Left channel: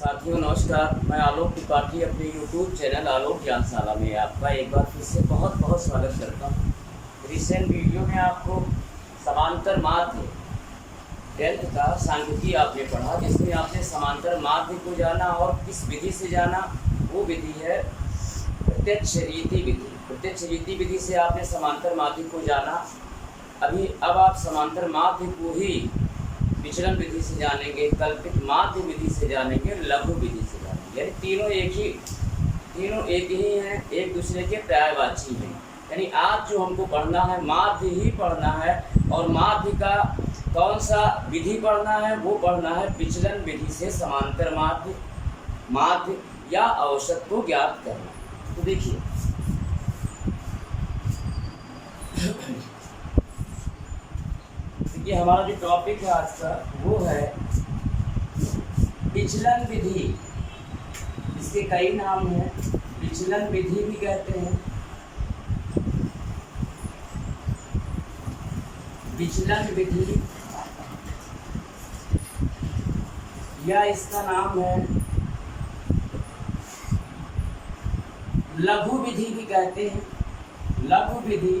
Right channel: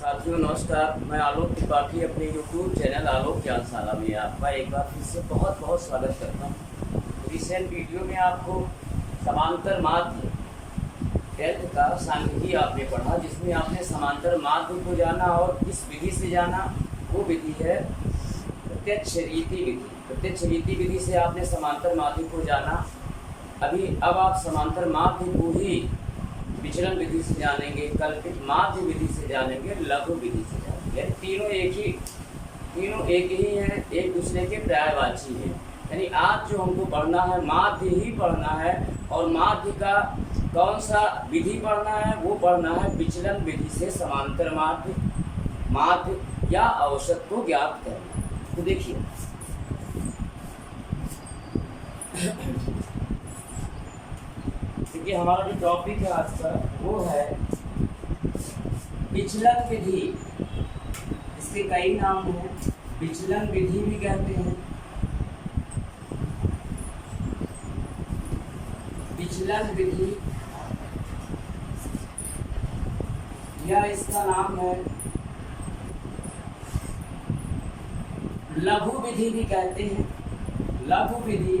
साथियों नमस्कार, मैं आलोक त्रिपाठी अपने YouTube चैनल आलोक ज्ञानशाला में आपका एक बार फिर से बहुत बहुत स्वागत करता हूँ। रिसेंट वीडियो में आपको समांतर माध्य 10th का सांख्यिकी आपने पढ़ा, जिसमें आपने समांतर माध्य को जाना और किस विधि से जाना। वो विधि है प्रत्यक्ष रीति विधि। प्रत्यक्ष रीति विधि से आपने समांतर माध्य को जाना। अब आप समांतर माध्य को ही विचलन विधि से जानेंगे, कल्पित माध्य विधि से जानेंगे, लघु विधि से जानेंगे। यानी तीनों एक ही हैं, एक दूसरे के पर्यायवाची हैं। यानी आज जो हमको पढ़ना है माध्य ही पढ़ना है, और माध्य का कौन सा विधि पढ़ना है, वो पढ़ना है विचलन विधि से समांतर माध्य या औसत को ज्ञात करना। तो देखिए देखिए हमारा जो टॉपिक है आज का वो है विचलन विधि। इसके कई नाम हैं, विचलन विधि भी कहते हैं, विचलन विधि, या इसका नाम है लघु विधि भी कहते हैं। लघु विधि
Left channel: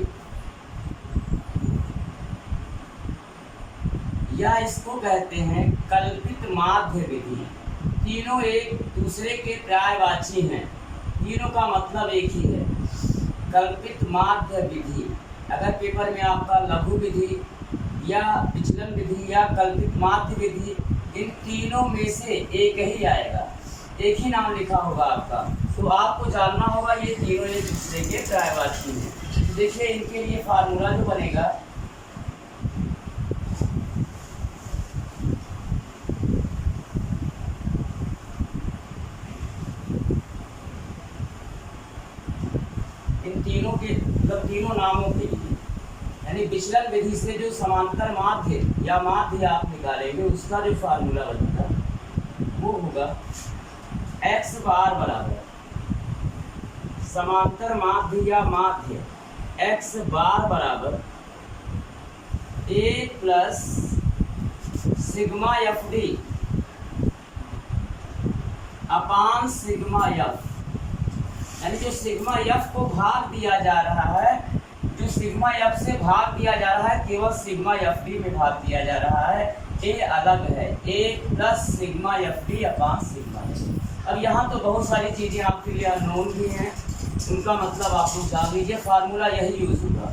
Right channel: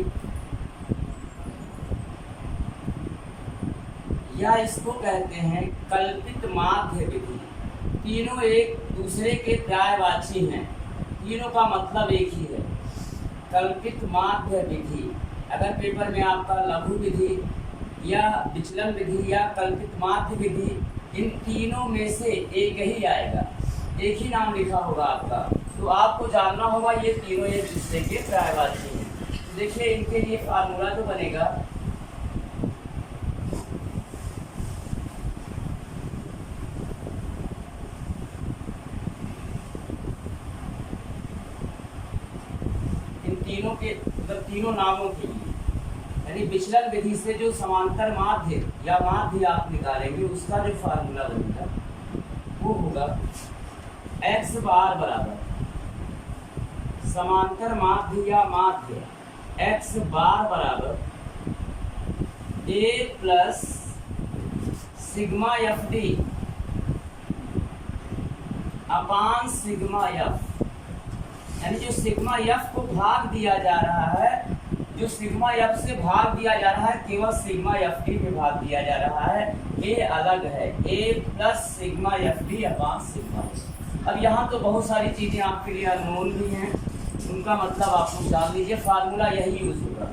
या इसको कहते हैं कल्पित माध्य विधि। तीनों एक दूसरे के पर्यायवाची हैं, तीनों का मतलब एक ही है। कल्पित माध्य विधि, अगर पेपर में आपका लघु विधि या विचलन विधि या कल्पित माध्य विधि, इन तीनों में से एक ही आएगा, एक ही नाम लिखा होगा आपका, तो आपको जानना होगा ये तीनों एक दूसरे के पर्यायवाची हैं। देखिए इनके लिए फार्मूला जो बनेगा, तीनों के मतलब तीनों नामों के लिए, यानी विचलन विधि से जो समांतर माध्य या माध्य आप निकालेंगे, उसका जो फार्मूला बनेगा वो होगा x बार बराबर समांतर माध्य या माध्य x बार बराबर a plus sigma F D upon sigma F. यानी जो सिग्मा एफ को भाग दिया जा रहा है, जो सिग्मा एफ से भाग दिया जा रहा है, केवल सिग्मा एफ डी में भाग दिया जा रहा है, ए अलग है, A plus sigma F D upon sigma F. अब यहाँ तो बहुत सारी चीज़ें आपके लिए अननोन भी हैं, उनका मतलब आप लोग जान लीजिए, फार्मूला यही यूज होगा।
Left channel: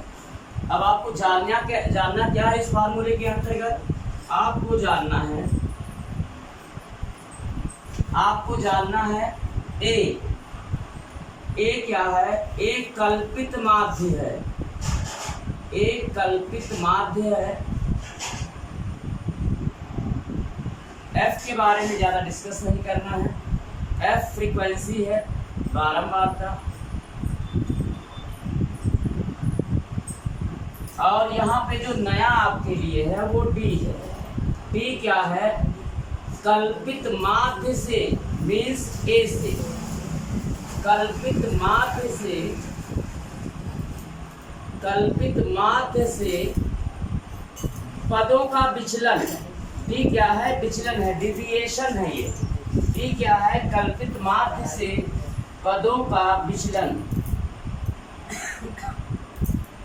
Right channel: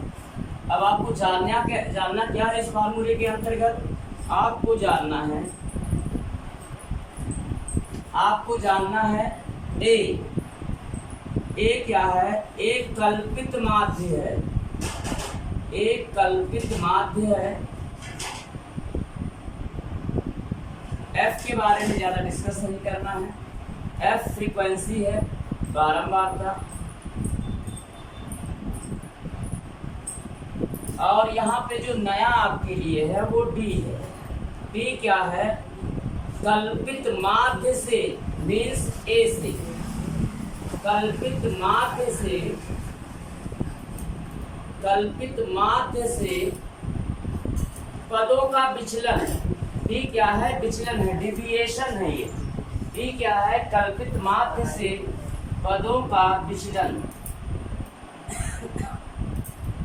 अब आपको जानना क्या है इस फार्मूले के अंतर्गत, आपको जानना है ए क्या है, एक कल्पित माध्य है, एक कल्पित माध्य है। एफ के बारे में ज़्यादा डिस्कस नहीं करना है। एफ फ्रीक्वेंसी है, बारंबारता, और यहाँ पे जो नया आपके लिए है वो डी है। डी क्या है, कल्पित माध्य से मीन्स ए से, कल्पित माध्य से पदों का विचलन। डी क्या है, विचलन है, डिविएशन है ये। डी क्या है, कल्पित माध्य से पदों का विचलन,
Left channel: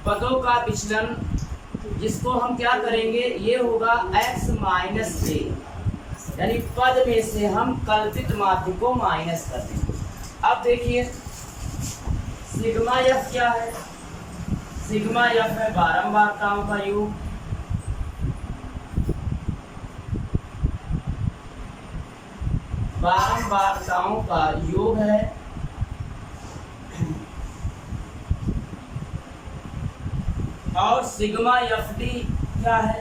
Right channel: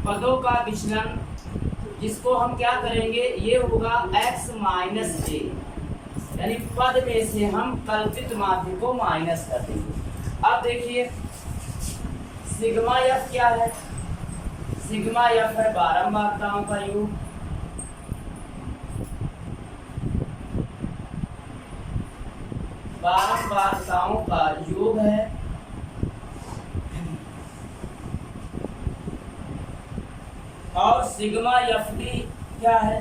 पदों का विचलन, जिसको हम क्या करेंगे, ये होगा x माइनस ए। यानी पद में से हम कल्पित माध्य को माइनस कर देंगे। अब देखिए सिग्मा एफ क्या है, सिग्मा एफ है बारंबारताओं का योग, बारंबारताओं का योग है, और सिग्मा एफ डी क्या है,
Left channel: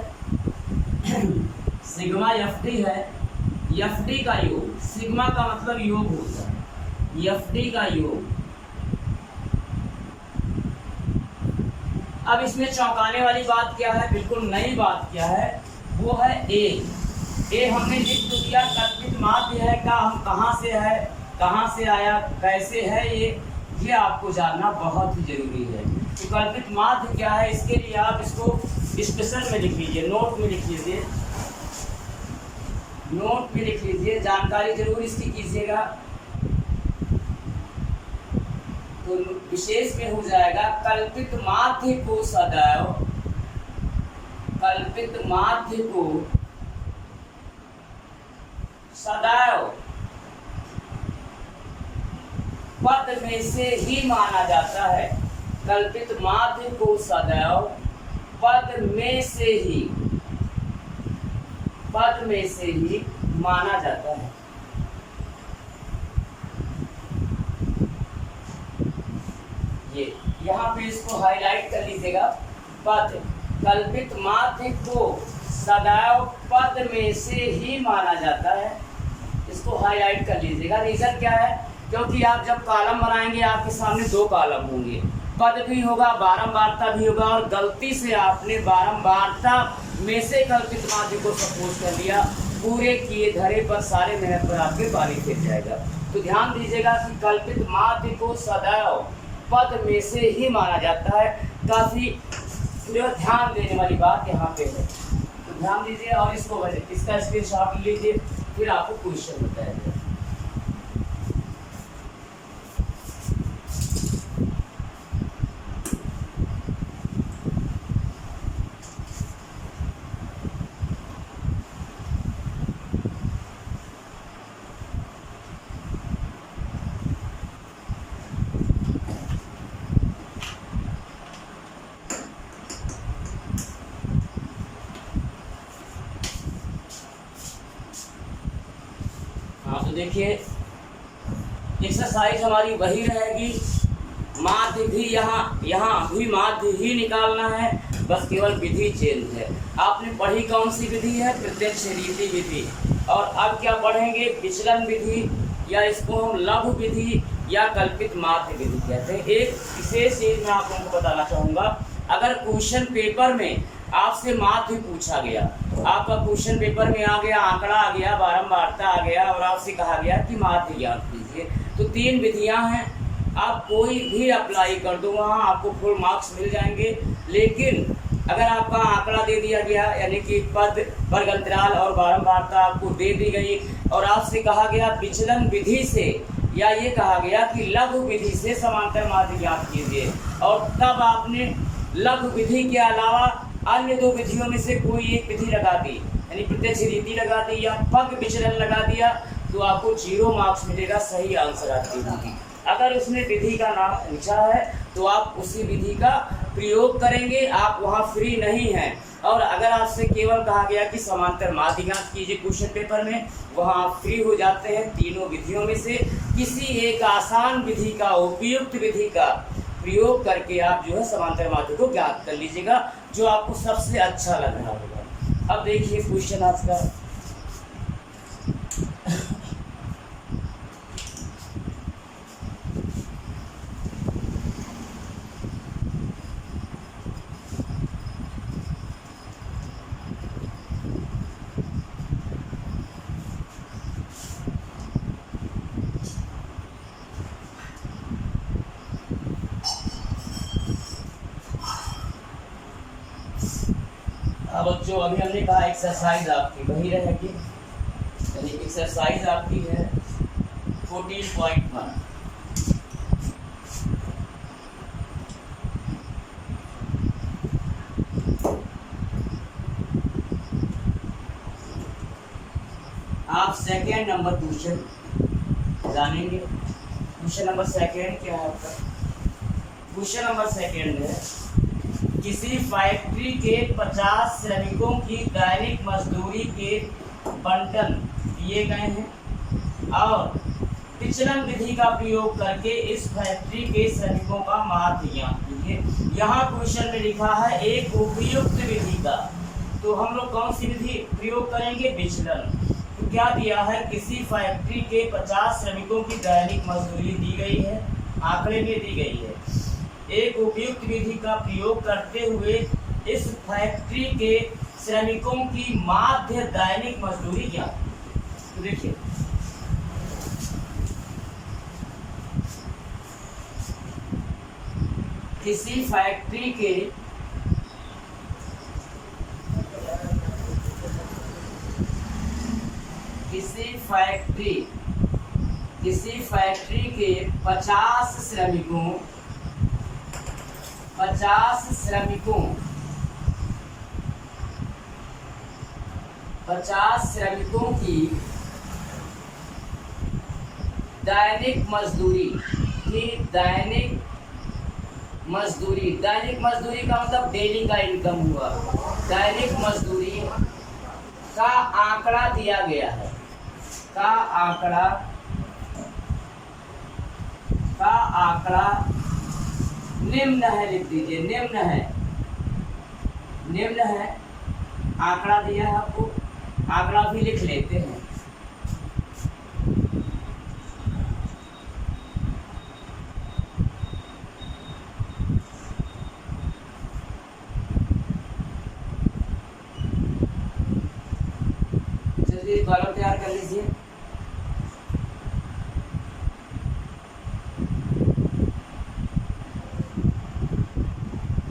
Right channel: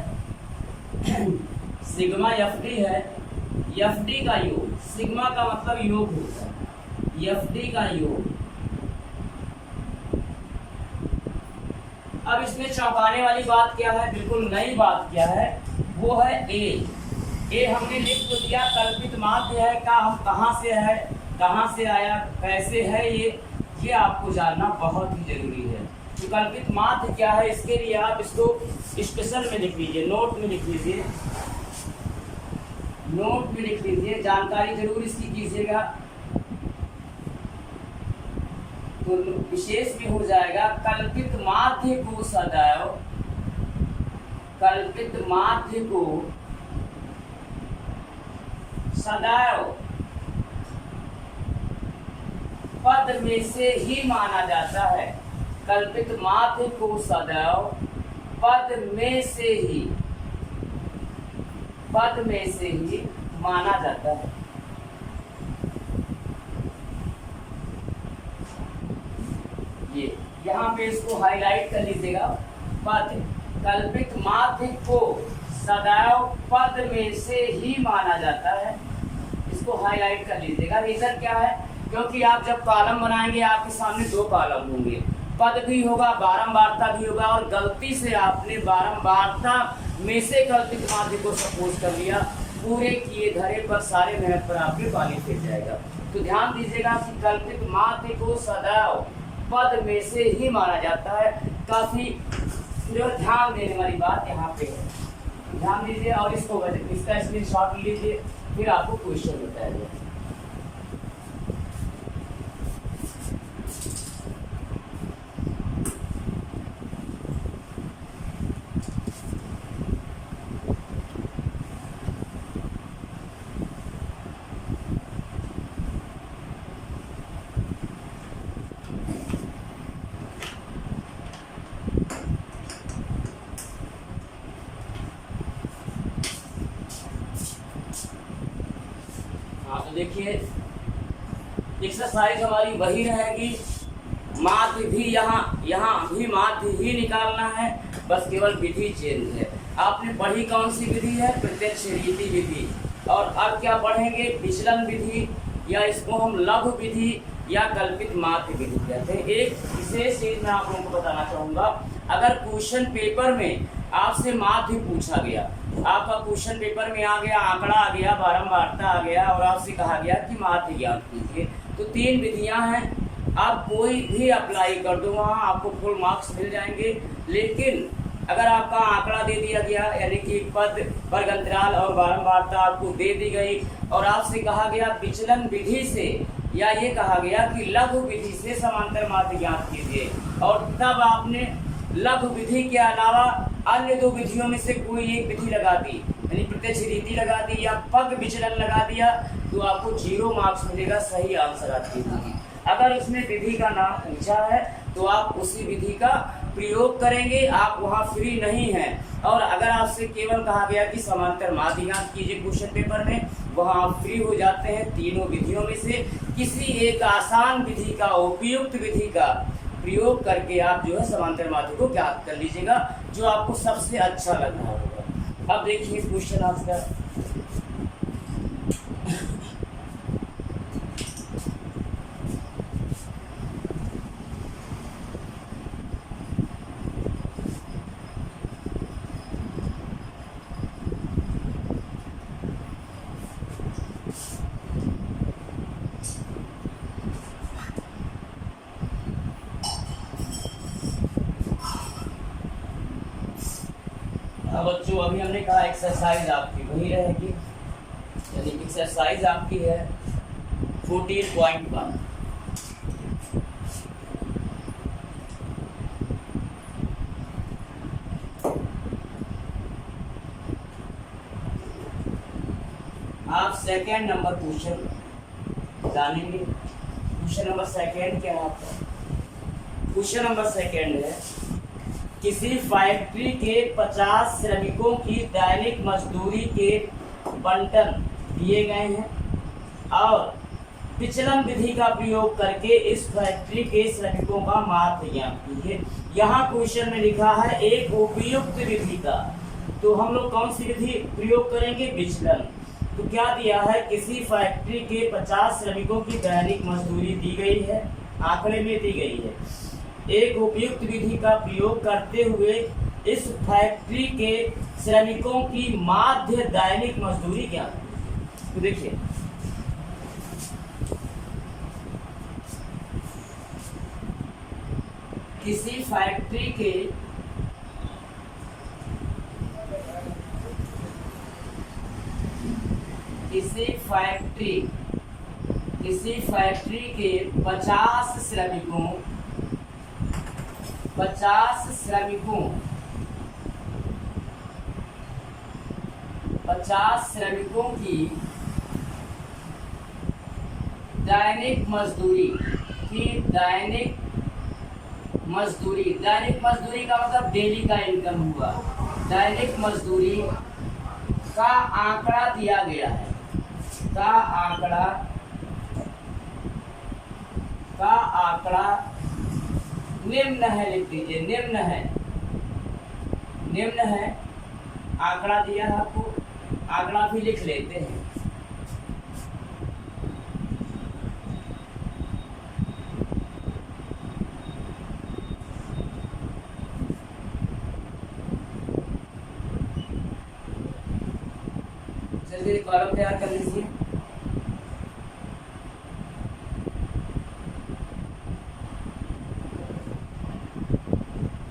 सिग्मा एफ डी है एफ डी का योग। सिग्मा का मतलब योग होता है, एफ डी का योग। अब इसमें चौंकाने वाली बात क्या है, बिल्कुल नई बात क्या है, वो है ए हमने लिख तो दिया, कल्पित माध्य है का हम कहाँ से है, कहाँ से आया, कैसे है, ये आपको जानना बहुत ही जरूरी है। तो कल्पित माध्य क्या है, इसके लिए आप इसको स्पेशल में लिख लीजिए, नोट में लिख लीजिए। नोट भी लिख लीजिए, जानकारी जरूर इसकी कीजिएगा। तो विशेष में हो जाएगा कल्पित माध्य को सदैव, कल्पित माध्य को सदैव पद में से ही माना जाता है। कल्पित माध्य को सदैव पद में से ही, पद में से ही माना जाता है। ये यहाँ पे इसको हाईलाइट कर लीजिएगा। पद, कल्पित माध्य को सदैव पद में से ही माना जाता है, इसको हाईलाइट कर लीजिएगा। रीजन क्या है? क्योंकि आप जब कॉलम बनाएंगे आपके सामने दो कॉलम होंगे, पद भी होगा, बारंबारता भी होगा, और गलती से आपने बारंबारता में से कल्पित माध्य को सपोज कर लिया, पूरे किए धरे पर सारे मेहनत पर आपके पानी फिर जाएगा। तो ध्यान दीजिएगा कि कल्पित माध्य को सदैव पद में से ही माना जाता है। काफी जो ध्यान देने वाली बात यहाँ पे है, तो ध्यान दीजिए और इसका स्क्रीनशॉट लीजिए, फिर आपको क्वेश्चन बताया जाए। हाँ तो देखिए एक्सरसाइज हमारी वही रहेगी, माध्य भी यहाँ भी माध्य ही निकालना है, बस केवल विधि चेंज है। आपने पढ़ी कौन सी विधि है? प्रत्यक्ष रीति विधि। और अब क्या पढ़ेंगे? विचलन विधि, या इसको हम लघु विधि या कल्पित माध्य विधि कहते हैं। एक विशेष चीज मैं आप लोगों को बताना चाहूँगा, अगर क्वेश्चन पेपर में आपसे माध्य पूछा गया, आपका क्वेश्चन पेपर में आ गया, आंकड़ा आ गया, बारंबारता आ गया, और आपसे कहा गया कि माध्य ज्ञान कीजिए, तो तीन विधियां हैं, आप कोई भी अप्लाई कर दो, वहाँ आपको फुल मार्क्स मिल जाएंगे। लेकिन अगर आपका आंकड़ा दे दिया गया, यानी कि पद, वर्गंतराल और बारंबारता आपको दे दी गई, और आपसे कहा गया विचलन विधि से, या ये कहा गया कि लघु विधि से समांतर माध्य ज्ञात कीजिए, और तब आपने लघु विधि के अलावा अन्य दो विधियों में से कोई एक विधि लगा दी, यानी प्रत्यक्ष रीति लगा दी या पग विचलन लगा दिया, तो आपको 0 मार्क्स मिलेगा, सही आंसर आपकी होगी। अगर उसमें विधि का नाम पूछा है तो आप उसी विधि का प्रयोग करेंगे, आप वहाँ फ्री नहीं हैं। और अगर आपसे केवल कहा गया कि समांतर माध्य ज्ञात कीजिए क्वेश्चन पेपर में, वहाँ आप फ्री हो जाते हैं। तीनों विधियों में से किसी एक आसान विधि का, उपयुक्त विधि का प्रयोग करके आप जो है समांतर माध्य को ज्ञात कर लीजिएगा, जो आपको सबसे अच्छा लग रहा होगा। अब देखिए क्वेश्चन आज का, बच्चों अभी हमने कहा एक्सरसाइज आपकी वही रहेगी, यानी एक्सरसाइज आपकी है 14.1। आप सेकेंड नंबर क्वेश्चन जानेंगे। क्वेश्चन नंबर सेकेंड क्या है आपका? क्वेश्चन नंबर सेकेंड है, किसी फैक्ट्री के 50 श्रमिकों की दैनिक मजदूरी के बंटन दिए गए हैं और विचलन विधि का प्रयोग करके इस फैक्ट्री के श्रमिकों का माध्य ज्ञात कीजिए। यहाँ क्वेश्चन में लिखा है एक उपयुक्त विधि का, तो हम लोग कौन सी विधि प्रयोग करेंगे? विचलन। तो क्या दिया है? किसी फैक्ट्री के 50 श्रमिकों की दैनिक मजदूरी दी गई है, आंकड़े में दी गई है। एक उपयुक्त विधि का प्रयोग करते हुए इस फैक्ट्री के श्रमिकों की माध्य दैनिक मजदूरी क्या? तो देखिए किसी फैक्ट्री के किसी फैक्ट्री के 50 श्रमिकों की दैनिक मजदूरी का मतलब डेली का इनकम हुआ। दैनिक मजदूरी का आंकड़ा दिया गया है, का आंकड़ा निम्न है, लिख दीजिए निम्न है। आंकड़ा दिया है आपको, आंकड़ा भी लिख लेते हैं। चलिए कॉलम तैयार कर लीजिए।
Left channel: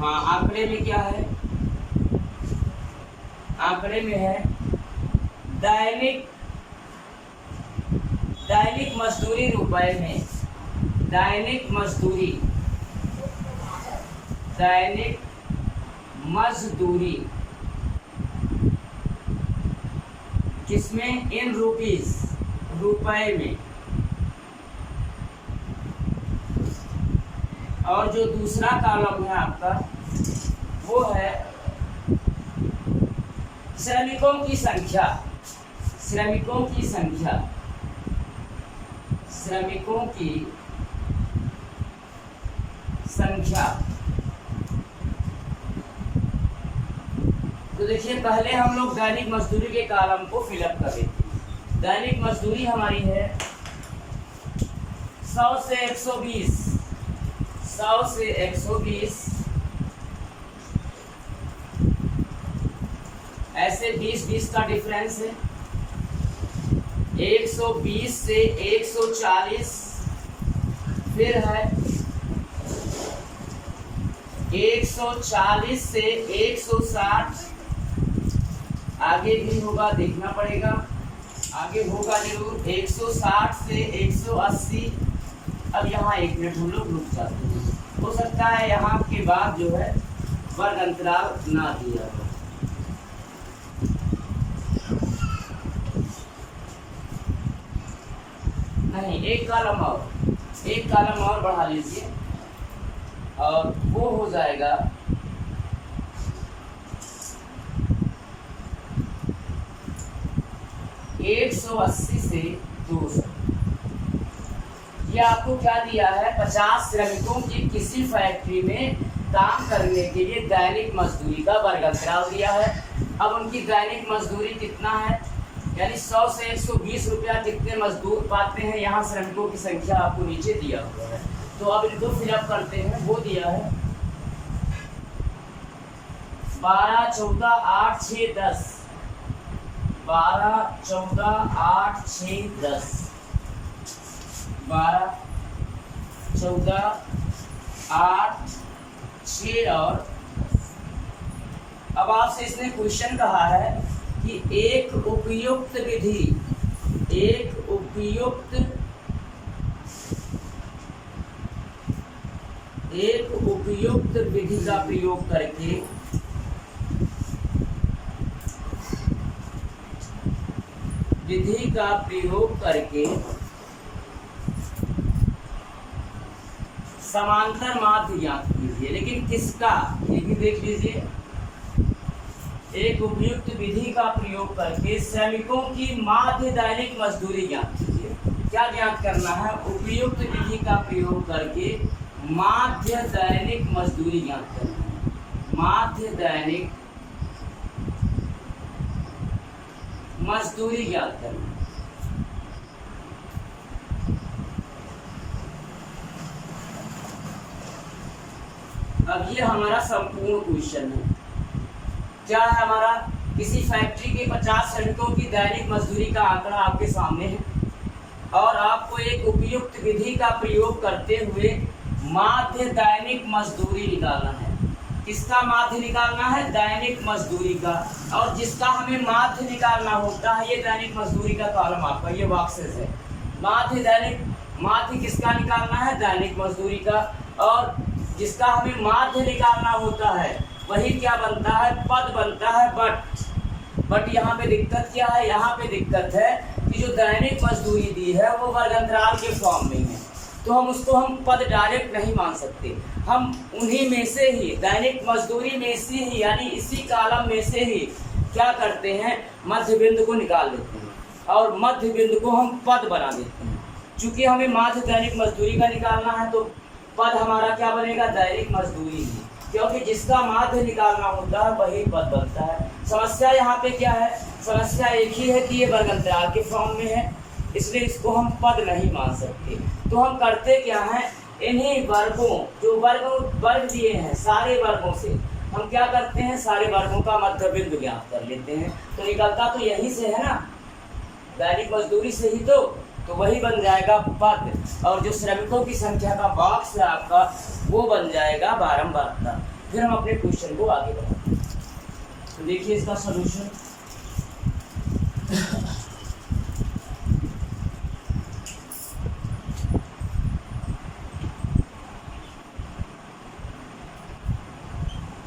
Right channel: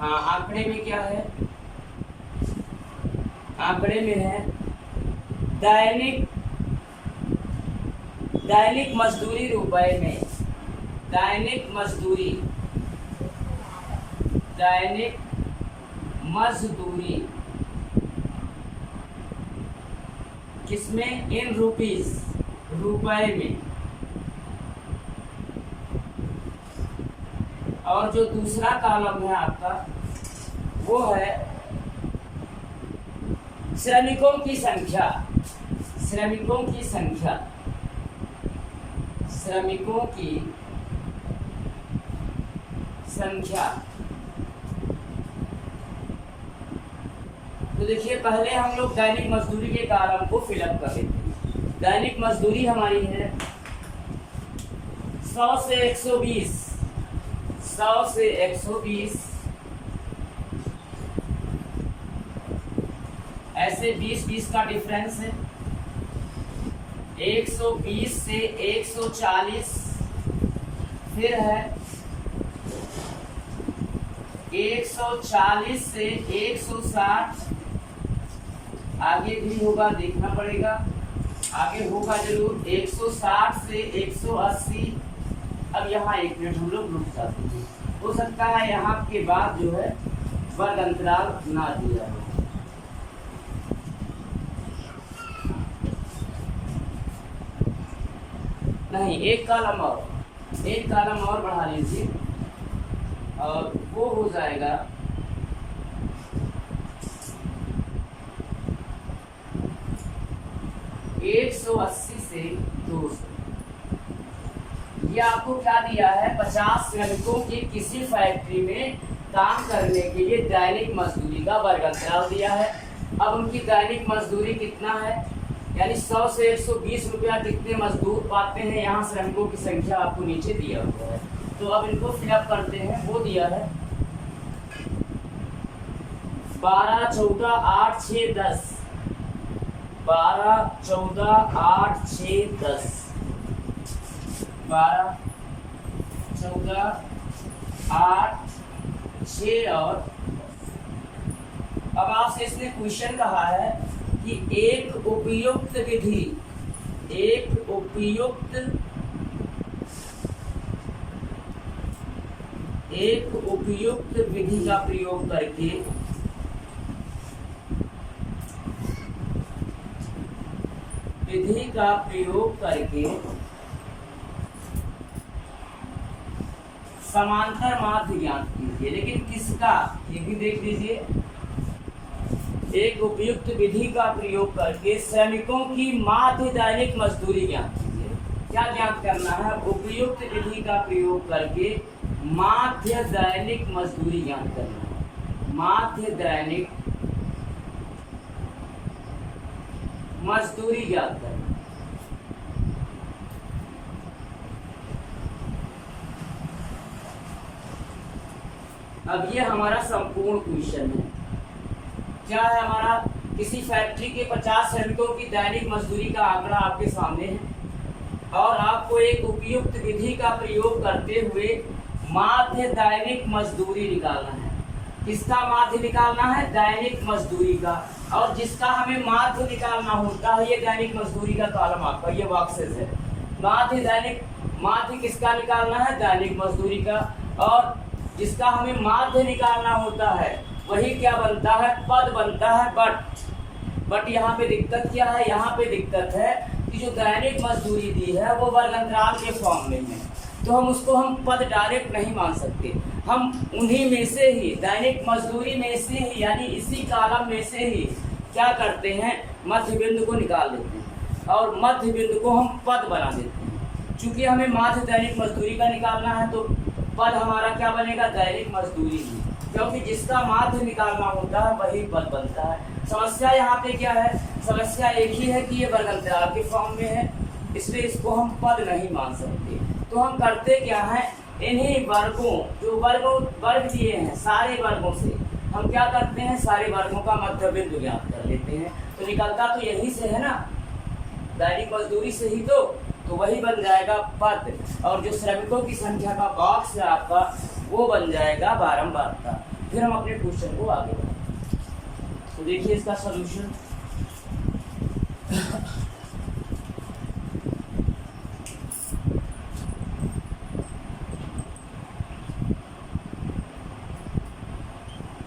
हाँ, आंकड़े में क्या है? आंकड़े में है दैनिक मजदूरी रुपए में। दैनिक मजदूरी किसमें? इन रुपीस, रुपए में। और जो दूसरा कॉलम है आपका वो है श्रमिकों की संख्या। तो देखिए, पहले हम लोग दैनिक मजदूरी के कॉलम को फिलअप कर देते हैं। दैनिक मजदूरी हमारी है 100 से 120, ऐसे 20 का डिफरेंस है। 120 से 140, फिर है 140 से 160, आगे भी होगा, देखना पड़ेगा, आगे होगा जरूर। 160 से 180। अब यहाँ 1 मिनट हम लोग रुक जाते हैं। हो सकता है यहाँ के बाद जो है वर्ग अंतराल ना दिया हो। नहीं, एक कॉलम और बढ़ा लीजिए और वो हो जाएगा 180 से 200। ये आपको क्या दिया है? 50 श्रमिकों की किसी फैक्ट्री में काम करने के लिए दैनिक मजदूरी का वर्ग अंतराल दिया है। अब उनकी दैनिक मजदूरी कितना है, यानी 100 से 120 रुपया कितने मजदूर पाते हैं। यहाँ श्रमिकों की संख्या आपको नीचे दिया हुआ है, तो अब इनको फिलअप करते हैं। वो दिया है 12, 14, 8, 6, 10। 12, 14, 8, 6, 10। 12, 14, 8, 6 और अब आपसे इसने क्वेश्चन कहा है कि एक उपयुक्त विधि का प्रयोग करके समांतर माध्य ज्ञात कीजिए। लेकिन किसका, ये भी देख लीजिए। एक उपयुक्त विधि का प्रयोग करके श्रमिकों की माध्य दैनिक मजदूरी ज्ञात कीजिए। क्या ज्ञात करना है? उपयुक्त विधि का प्रयोग करके माध्य दैनिक मजदूरी ज्ञात करना है। माध्य दैनिक मजदूरी ज्ञात करना है। अब ये हमारा संपूर्ण क्वेश्चन है। क्या है हमारा? किसी फैक्ट्री के 50 श्रमिकों की दैनिक मजदूरी का आंकड़ा आपके सामने है और आपको एक उपयुक्त विधि का प्रयोग करते हुए माध्य दैनिक मजदूरी निकालना है। किसका माध्य निकालना है? दैनिक मजदूरी का। और जिसका हमें माध्य निकालना होता है, ये दैनिक मजदूरी का कॉलम आपका ये बॉक्सेस है। माध्य किसका निकालना है? दैनिक मजदूरी का। और जिसका हमें माध्य निकालना होता है वही क्या बनता है? पद बनता है। बट यहाँ पे दिक्कत क्या है? यहाँ पे दिक्कत है कि जो दैनिक मजदूरी दी है वो वर्गंतराल के फॉर्म में है, तो हम पद डायरेक्ट नहीं मान सकते। हम उन्हीं में से ही, दैनिक मजदूरी में से ही, यानी इसी कॉलम में से ही क्या करते हैं? मध्य बिंदु को निकाल लेते हैं और मध्य बिंदु को हम पद बना देते हैं। चूंकि हमें माध्य दैनिक मजदूरी का निकालना है तो पद हमारा क्या बनेगा? दैनिक मजदूरी ही, क्योंकि जिसका माध्य निकालना होता है वही पद बनता है। समस्या यहाँ पे क्या है? समस्या एक ही है कि ये वर्गंतराल के फॉर्म में है, इसलिए इसको हम पद नहीं मान सकते। तो हम करते क्या हैं? इन्हीं वर्गों, जो वर्ग दिए हैं सारे वर्गों से हम क्या करते हैं? सारे वर्गों का मध्य बिंदु ज्ञात कर लेते हैं। तो निकलता तो यही से है ना, दैनिक मजदूरी से ही तो वही बन जाएगा पद। और जो श्रमिकों की संख्या का बॉक्स है आपका वो बन जाएगा बारंबारता। फिर हम अपने क्वेश्चन को आगे बढ़ाते हैं। तो देखिए इसका सॉल्यूशन।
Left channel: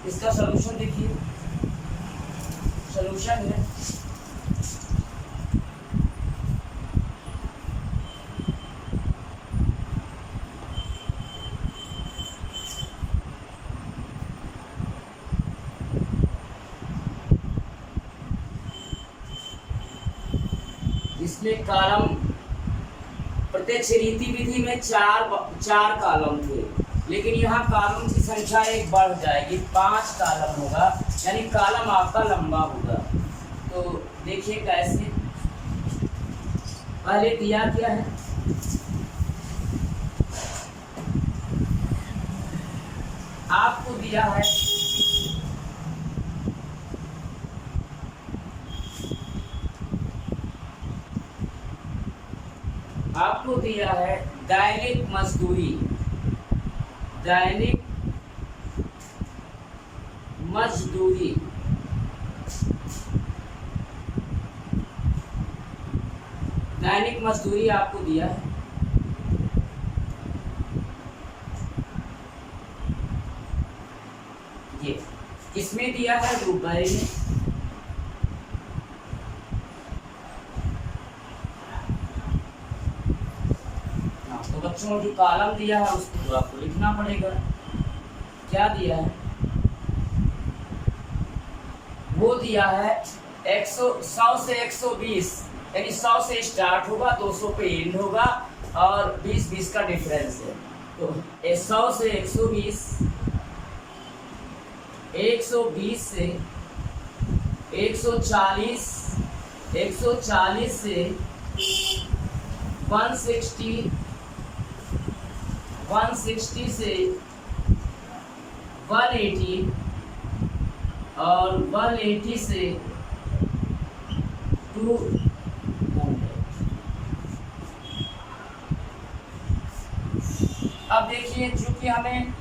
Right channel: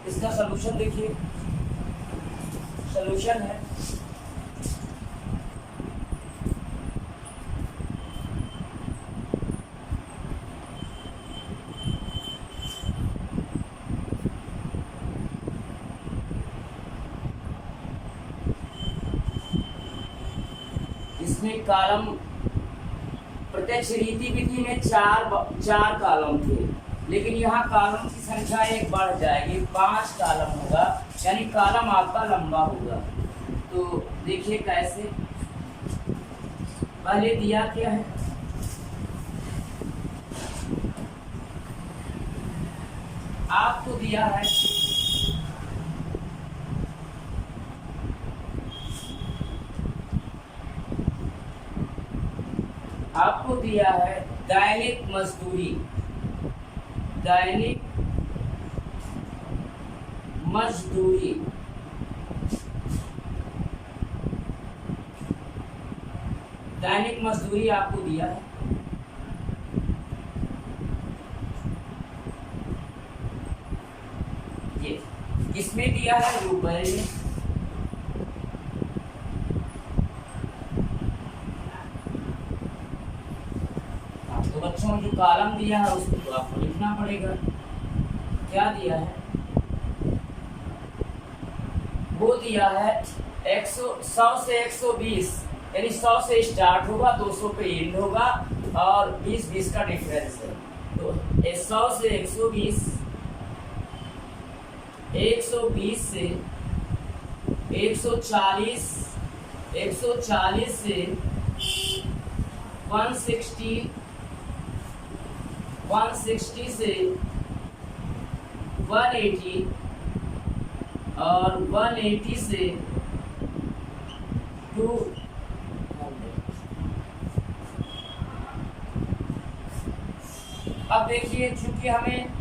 इसका सॉल्यूशन देखिए, सॉल्यूशन है इसमें कॉलम, प्रत्यक्ष रीति विधि में चार कॉलम थे, लेकिन यहाँ कॉलम की संख्या एक बढ़ जाएगी, 5 कॉलम होगा, यानी कॉलम आपका लंबा होगा। तो देखिए कैसे, पहले दिया क्या है? आपको दिया है दैनिक मजदूरी, दैनिक मजदूरी आपको दिया है। ये किसमें दिया है? रुपए में। तो बच्चों जो कॉलम दिया है उसको तो आपको लिखना पड़ेगा। क्या दिया है? वो दिया है 100 से 120, यानी 100 से स्टार्ट होगा, 200 पे एंड होगा और 20 का डिफरेंस है। तो 100 से 120, 120 से 140, 140 से 160, 160 से 180 और 180 से 200। अब देखिए, चूंकि हमें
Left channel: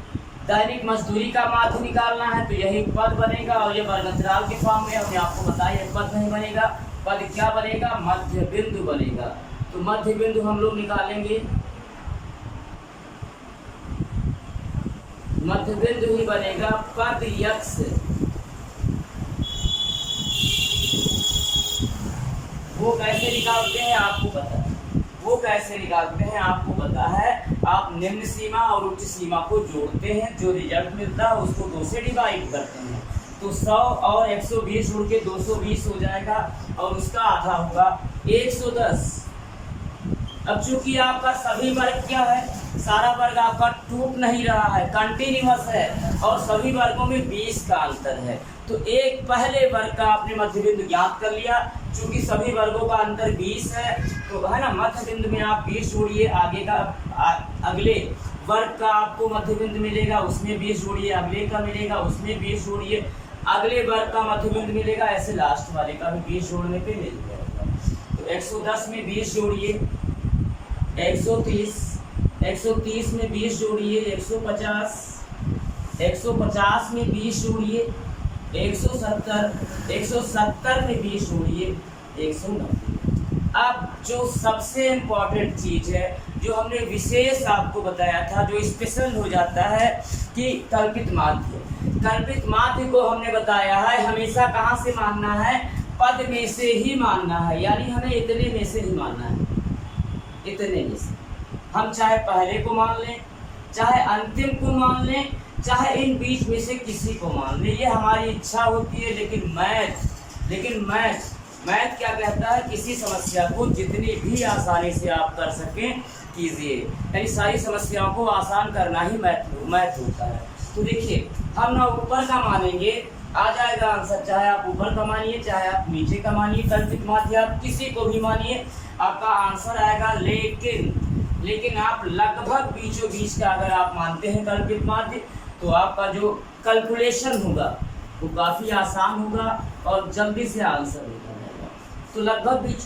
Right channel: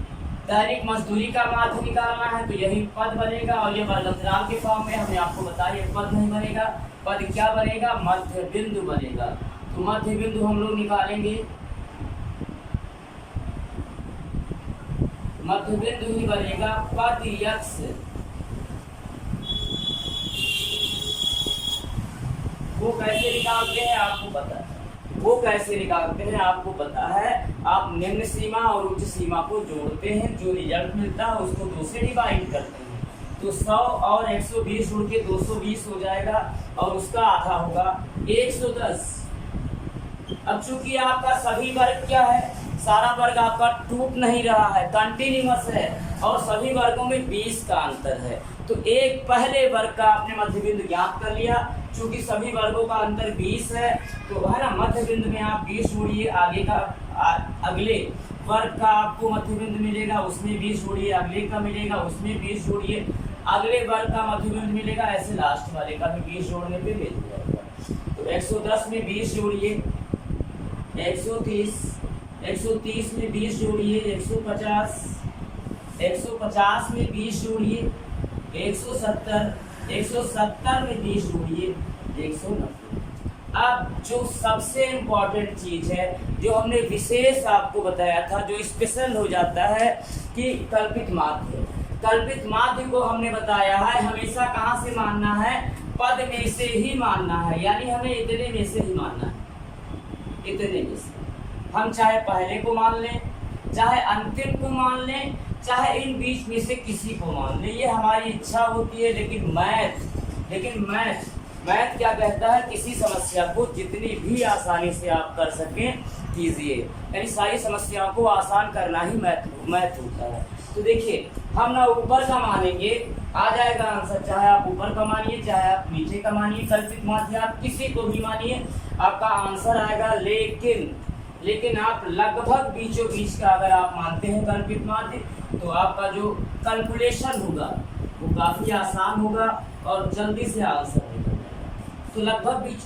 दैनिक मजदूरी का माध्य निकालना है तो यही पद बनेगा, और ये वर्गंतराल के फॉर्म में हमने आपको बताया पद नहीं बनेगा। पद क्या बनेगा? मध्य बिंदु बनेगा। तो मध्य बिंदु हम लोग निकालेंगे, मध्य बिंदु ही बनेगा पद यक्ष। वो कैसे निकालते हैं आपको पता है? वो कैसे निकालते हैं आपको पता है? आप निम्न सीमा और उच्च सीमा को जोड़ते हैं, जो रिजल्ट मिलता है उसको 2 से डिवाइड करते हैं। तो 100 और 120 जोड़ के 220 हो जाएगा और उसका आधा होगा 110। अब चूंकि आपका सभी वर्ग क्या है? सारा वर्ग आपका टूट नहीं रहा है, कंटिन्यूअस है, और सभी वर्गों में 20 का अंतर है। तो एक पहले वर्ग का आपने मध्य बिंदु ज्ञात कर लिया। चूंकि सभी वर्गों का अंतर 20 है तो है ना, मध्य बिंदु में आप 20 जोड़िए, आगे का अगले वर्ग का आपको मध्य बिंदु मिलेगा, उसमें 20 जोड़िए, अगले का मिलेगा उसमें 20 जोड़िए, अगले वर्ग का मध्य बिंदु मिलेगा, ऐसे लास्ट वाले का भी 20 जोड़ने पे मिल जाएगा। तो 110 में 20 जोड़िए 130, 130 में 20 जोड़िए 150, 150 में 20 जोड़िए 170, 170 में 20 जोड़िए 190। अब जो सबसे इम्पोर्टेंट चीज़ है, जो हमने विशेष आपको बताया था, जो स्पेशल हो जाता है कि कल्पित माध्य। कल्पित माध्य को हमने बताया है हमेशा कहाँ से मानना है, पद में से ही मानना है, यानी हमें इतने में से ही मानना है, इतने में से। हम चाहे पहले को मान लें, चाहे अंतिम को मान लें, चाहे इन बीच में से किसी को मान लें, ये हमारी इच्छा होती है। लेकिन मैथ क्या कहता है, किसी समस्या को जितनी भी आसानी से आप कर सकें कीजिए, यानी सारी समस्याओं को आसान करना ही मैथ होता है। तो देखिए हम ना ऊपर का मानेंगे, आ जाएगा आंसर, चाहे आप ऊपर का मानिए चाहे आप नीचे का मानिए, कल्पित माध्य आप किसी को भी मानिए, आपका आंसर आएगा। लेकिन आप लगभग बीचों बीच का अगर आप मानते हैं कल्पित माध्य, तो आपका जो कैलकुलेशन होगा वो काफ़ी आसान होगा और जल्दी से आंसर निकल जाएगा। तो लगभग बीच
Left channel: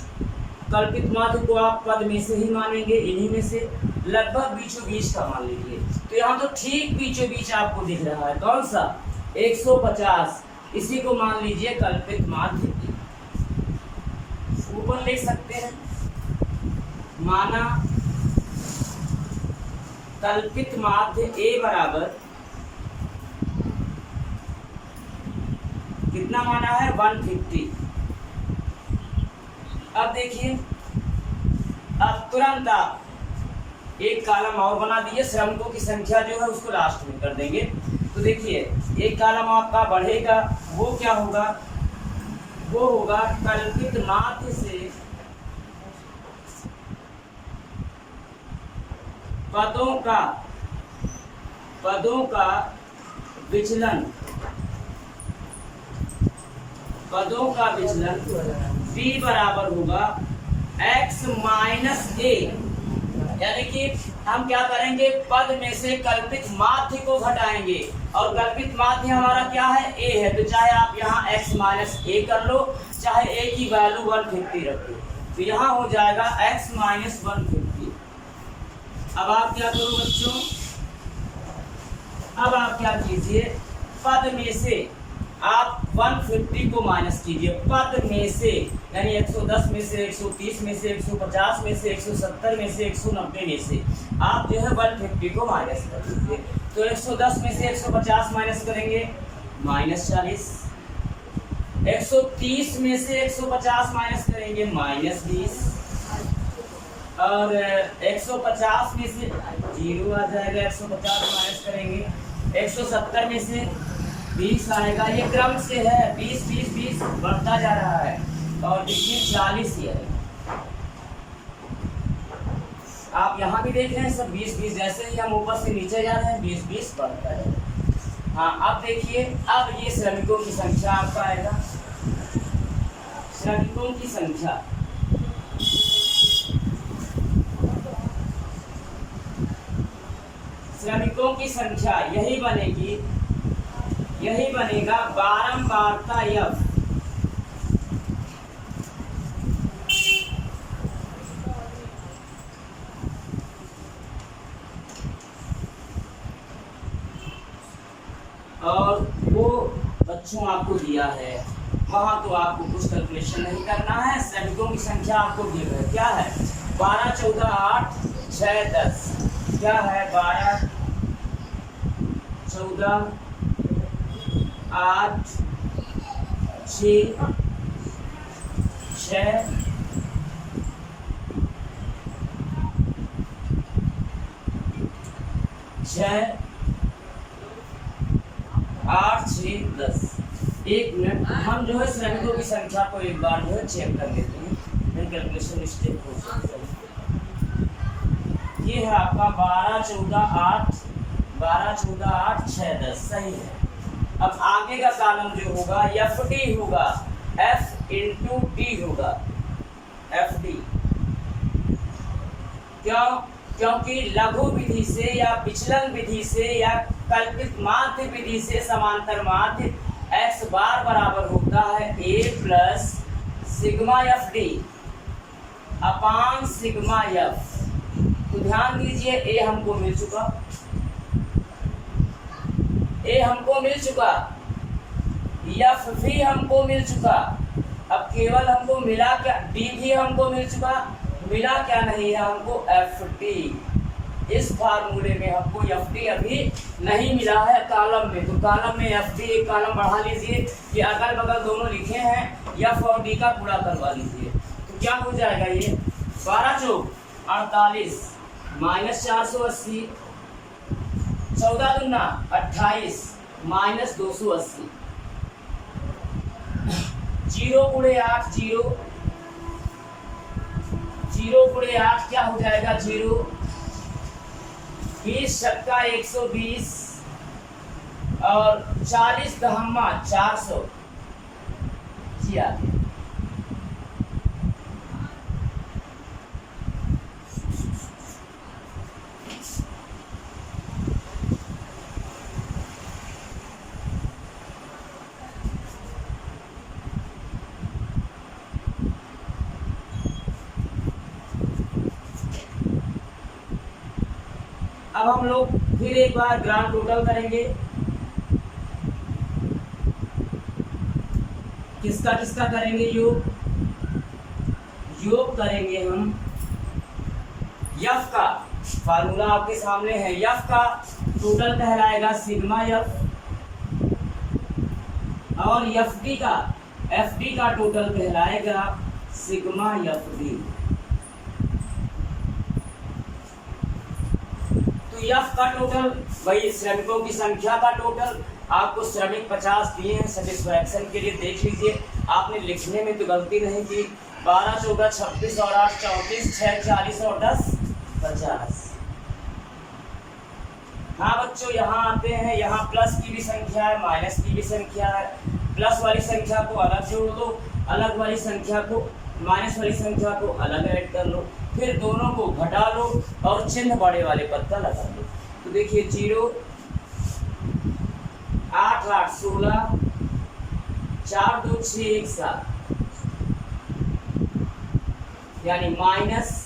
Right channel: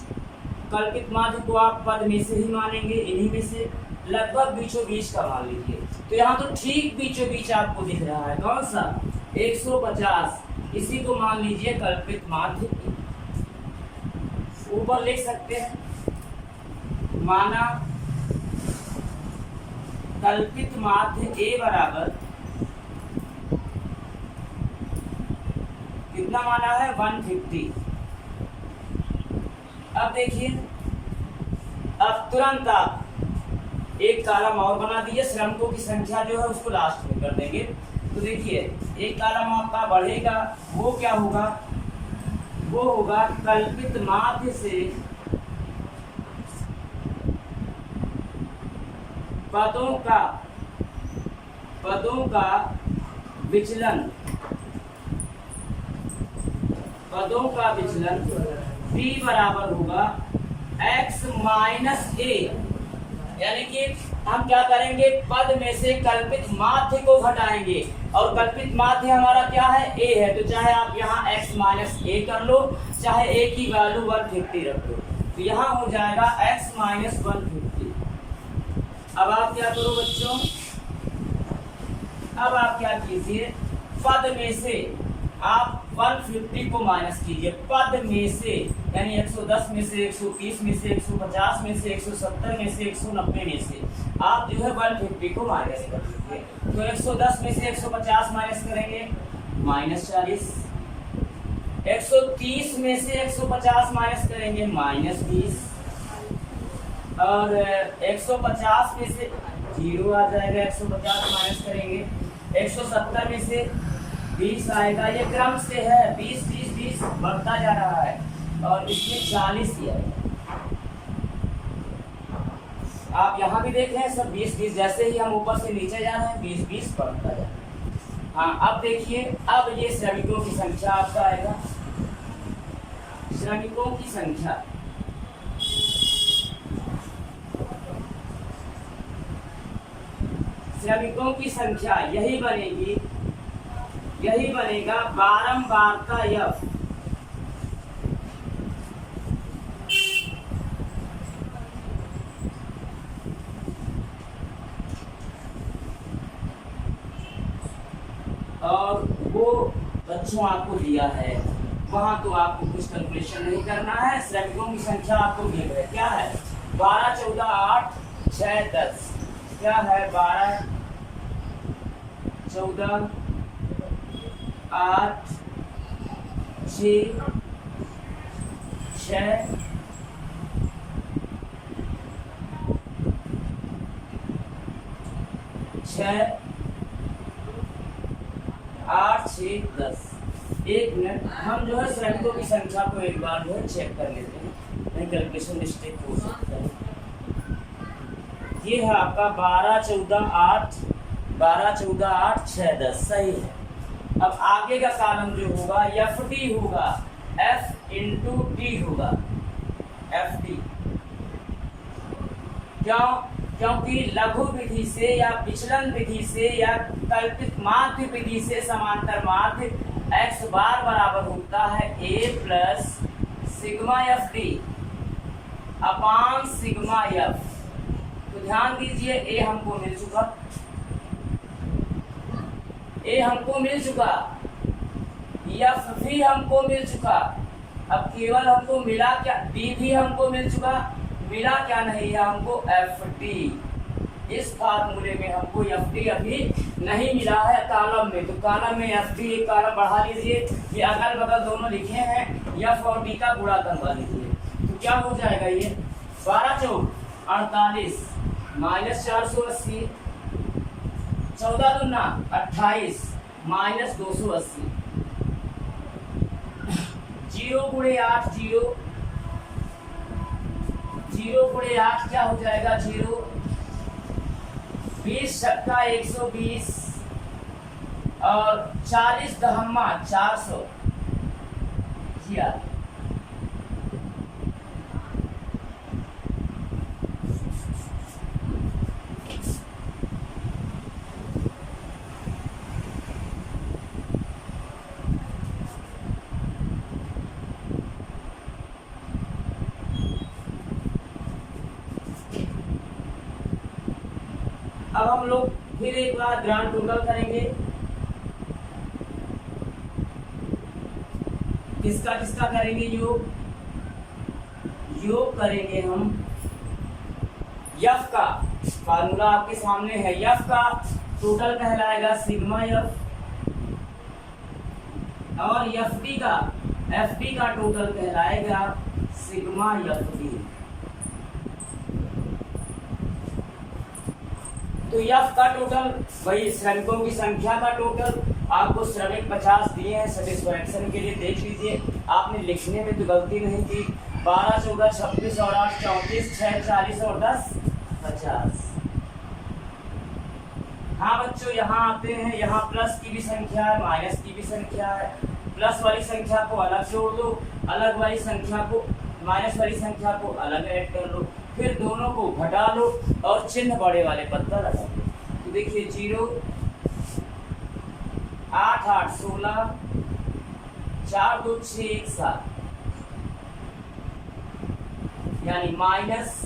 कल्पित माध्य को आप पद में से ही मानेंगे, इन्हीं में से लगभग बीचों बीच का मान लीजिए। तो यहाँ तो ठीक बीचों बीच आपको दिख रहा है, कौन सा, 150, इसी को मान लीजिए कल्पित माध्य। ऊपर लिख सकते हैं, माना कल्पित माध्य ए बराबर कितना माना है, 150। अब देखिए, अब तुरंत आप एक कॉलम और बना दिए, श्रमिकों की संख्या जो है उसको लास्ट में कर देंगे। तो देखिए एक कॉलम आपका बढ़ेगा, वो क्या होगा, वो होगा कल्पित माध्य से पदों का विचलन, b बराबर होगा x माइनस ए। यानी कि हम क्या करेंगे, पद में से कल्पित माध्य को घटाएंगे, और कल्पित माध्य हमारा क्या है, a है। तो चाहे आप यहाँ x माइनस ए कर लो, चाहे a की वैल्यू 150 रख लो, तो यहाँ हो जाएगा x माइनस 150। अब आप क्या करो बच्चों, अब आप क्या कीजिए, पद में से आप 150 को माइनस कीजिए, पद में से, यानी 110 में से, 130 में से, 150 में से, 170 में से, 190 में से आप जो है 150 को माइनस कर दीजिए। तो 110 में से 150 माइनस करेंगे, -40, 130 में से 150 माइनस करेंगे, -20, और 150 में से 0 आ जाएगा, 150 माइनस करेंगे, 170 में से 20 आएगा। ये क्रम से है, 20 20 20 बढ़ता जा रहा है, और इसमें 40 ही आएगा। आप यहाँ भी देख रहे हैं सब 20 20, जैसे ही हम ऊपर से नीचे जा रहे हैं 20 20 बढ़ता है। हाँ अब देखिए, अब ये श्रमिकों की संख्या आपका आएगा, श्रमिकों की संख्या, श्रमिकों की संख्या यही बनेगी, यही बनेगा बारंबारता f। और वो बच्चों आपको दिया है, वहां तो आपको कुछ कैलकुलेशन नहीं करना है, श्रमिकों की संख्या आपको दी है, क्या है, 12 14 8 6 10, क्या है, 12 14 8 6 6 6 8 6 10। एक मिनट, हम जो है श्रमिकों की संख्या को एक बार जो है चेक कर लेते हैं, नहीं कैलकुलेशन मिस्टेक हो सकता है। ये है आपका 12 14 8 12 14 8 6 10, सही है। अब आगे का कॉलम जो होगा FD होगा, F इंटू D होगा, FD। क्यों? क्योंकि लघु विधि से या विचलन विधि से या कल्पित माध्य विधि से समांतर माध्य x बार बराबर होता है a plus sigma FD upon sigma F। तो ध्यान दीजिए, a हमको मिल चुका, ए हमको मिल चुका, एफ भी हमको मिल चुका। अब केवल हमको मिला क्या, डी भी हमको मिल चुका, मिला क्या नहीं है हमको, एफ डी। इस फार्मूले में हमको एफ डी अभी नहीं मिला है कॉलम में, तो कॉलम में एफ डी एक कॉलम बढ़ा लीजिए। ये अगल बगल दोनों लिखे हैं, एफ और डी का गुणा करवा लीजिए। तो क्या हो जाएगा, ये 12 चौक 48 माइनस 480, 14 दूना 28 माइनस 280, 0 गुणे 8 0, 0 गुणे 8 क्या हो जाएगा 0, 20 छक्का 120 और 40 दहम्मा 400 किया। अब हम लोग फिर एक बार ग्रांड टोटल करेंगे। किसका किसका करेंगे योग, योग करेंगे हम यफ का। फार्मूला आपके सामने है, यफ का टोटल कहलाएगा सिग्मा यफ, और एफडी का टोटल कहलाएगा सिग्मा एफ डी। तो एफ का टोटल वही श्रमिकों की संख्या का टोटल, आपको श्रमिक 50 दिए हैं, सेटिस्फैक्शन के लिए देख लीजिए। आपने लिखने में तो गलती नहीं की, 12 14 26 और 8 34 6 40 और 10 50। हाँ बच्चों, यहाँ आते हैं, यहाँ प्लस की भी संख्या है, माइनस की भी संख्या है। प्लस वाली संख्या को अलग जोड़ लो, अलग वाली संख्या को, माइनस वाली संख्या को अलग ऐड कर लो, फिर दोनों को घटा लो और चिन्ह बड़े वाले पद का लगा दो। तो देखिए 0 8 8 16 4 2 6 1 7, यानी माइनस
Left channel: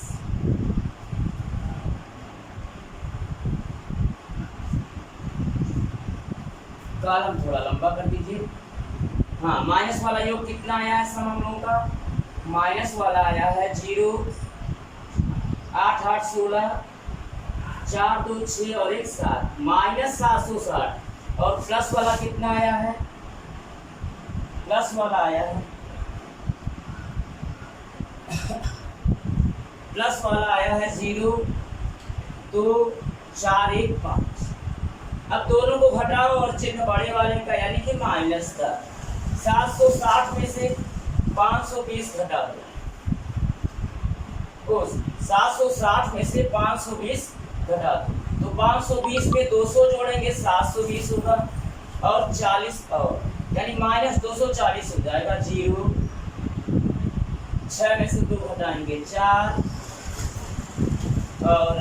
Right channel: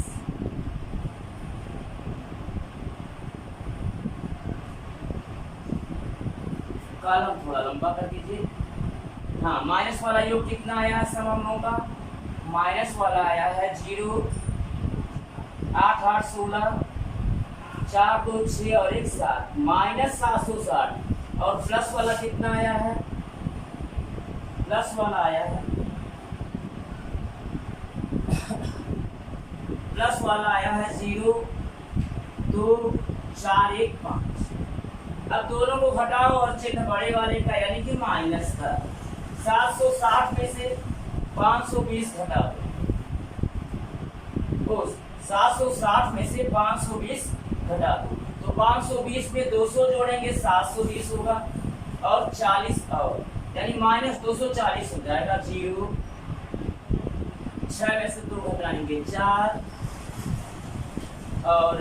कॉलम थोड़ा लंबा कर दीजिए। हाँ, माइनस वाला योग कितना आया है सम हम लोगों का, माइनस वाला आया है 0 8 8 16 4 2 6 और 1 7, माइनस 760। और प्लस वाला कितना आया है, प्लस वाला आया है प्लस वाला आया है 0 2 4 1 5। अब दोनों को घटाओ और चिन्ह बड़े वाले का यानी कि माइनस का। 760 में से 520 घटा दो, 760 में से 520 घटा दो, तो 520 पे 200 जोड़ेंगे 720 होगा, और 40 और यानी माइनस 240 हो जाएगा। 0 6 में से 2 घटाएंगे 4, और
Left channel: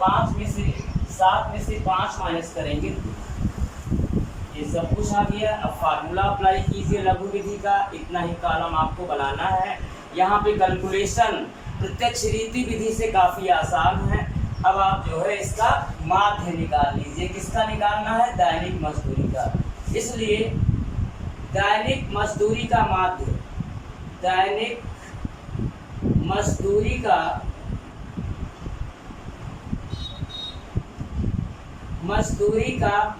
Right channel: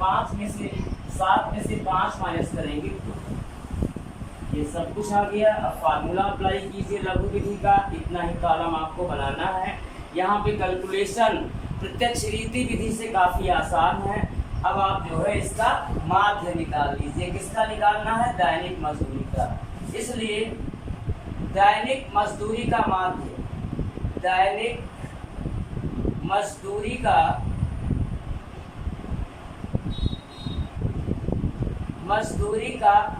5 में से 7 में से 5 माइनस करेंगे 2। ये सब कुछ आ गया। अब फार्मूला अप्लाई कीजिए लघु विधि का, इतना ही कॉलम आपको बनाना है। यहाँ पे कैलकुलेशन प्रत्यक्ष रीति विधि से काफ़ी आसान है। अब आप जो है इसका माध्य निकाल लीजिए। किसका निकालना है, दैनिक मजदूरी का। इसलिए दैनिक मजदूरी का माध्य, दैनिक मजदूरी का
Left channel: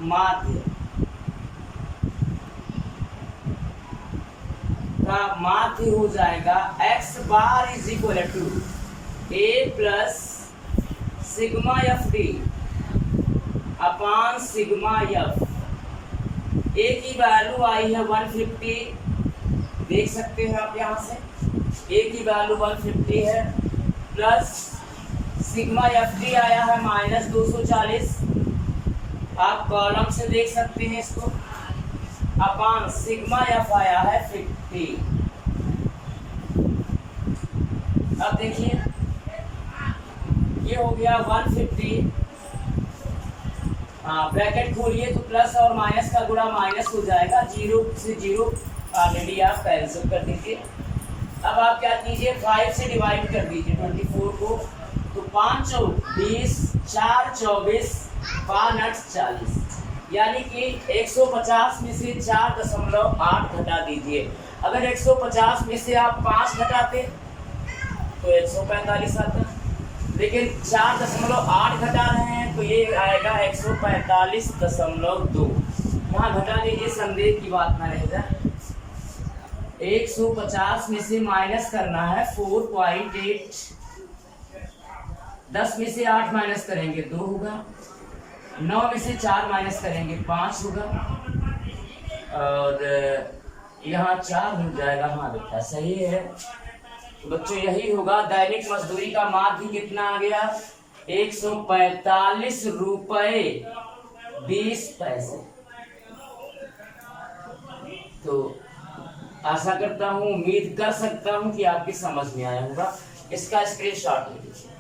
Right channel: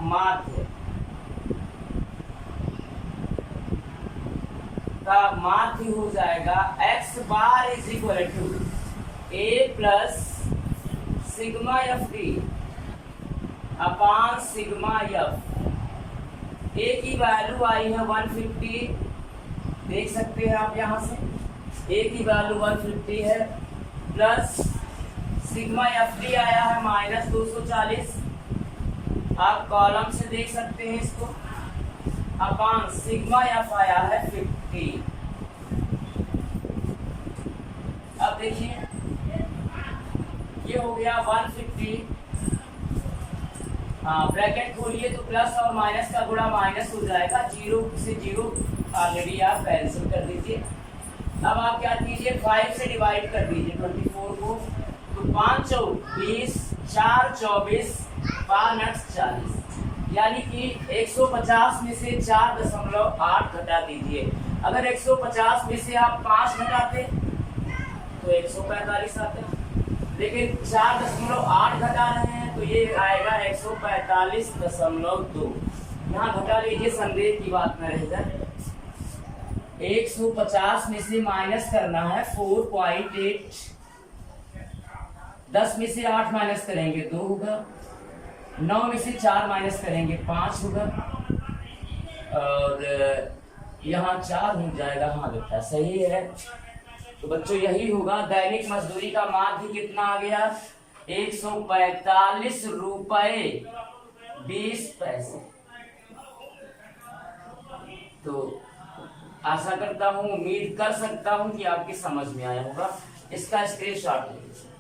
माध्य का माध्य हो जाएगा x bar is equal to a plus sigma F D upon sigma f. a की वैल्यू आई है 150, देख सकते हैं आप यहाँ से a की वैल्यू 150 है, प्लस सिग्मा एफ डी आया है माइनस 240, आप कॉलम से देख सकते हैं इसको, अपान सिग्मा एफ आया है 50। अब देखिए ये हो गया 150, हाँ ब्रैकेट खोलिए तो प्लस और माइनस का गुणा माइनस हो जाएगा, 0 से 0 ऑलरेडी आप कैंसिल कर दीजिए। अब आप क्या कीजिए, 5 से डिवाइड कर दीजिए 24 को, तो 5 चौक 20, 4 24, 5 8 40, यानी कि 150 में से 4.8 घटा दीजिए। अगर 150 में से आप 5 घटाते तो 145 आता, लेकिन 4.8 घटा रहे हैं तो ये आएगा 145.2। यहाँ घटा लीजिए, संदेह की बात ना रह जाए। 150 में से माइनस करना है 4.8, 10 में से 8 माइनस करेंगे 2 होगा, 9 में से 4 माइनस करेंगे 5 होगा, और यहाँ 4 हो जाएगा। हाँ बेटा सही है। तो बच्चों यही होगा। दैनिक मजदूरी का माध्य कितना आ गया? 145 रुपए 20 पैसे। तो आशा करता हूँ, उम्मीद कर सकता हूँ कि आपकी समझ में आया होगा। इसका स्क्रीनशॉट ले लीजिए।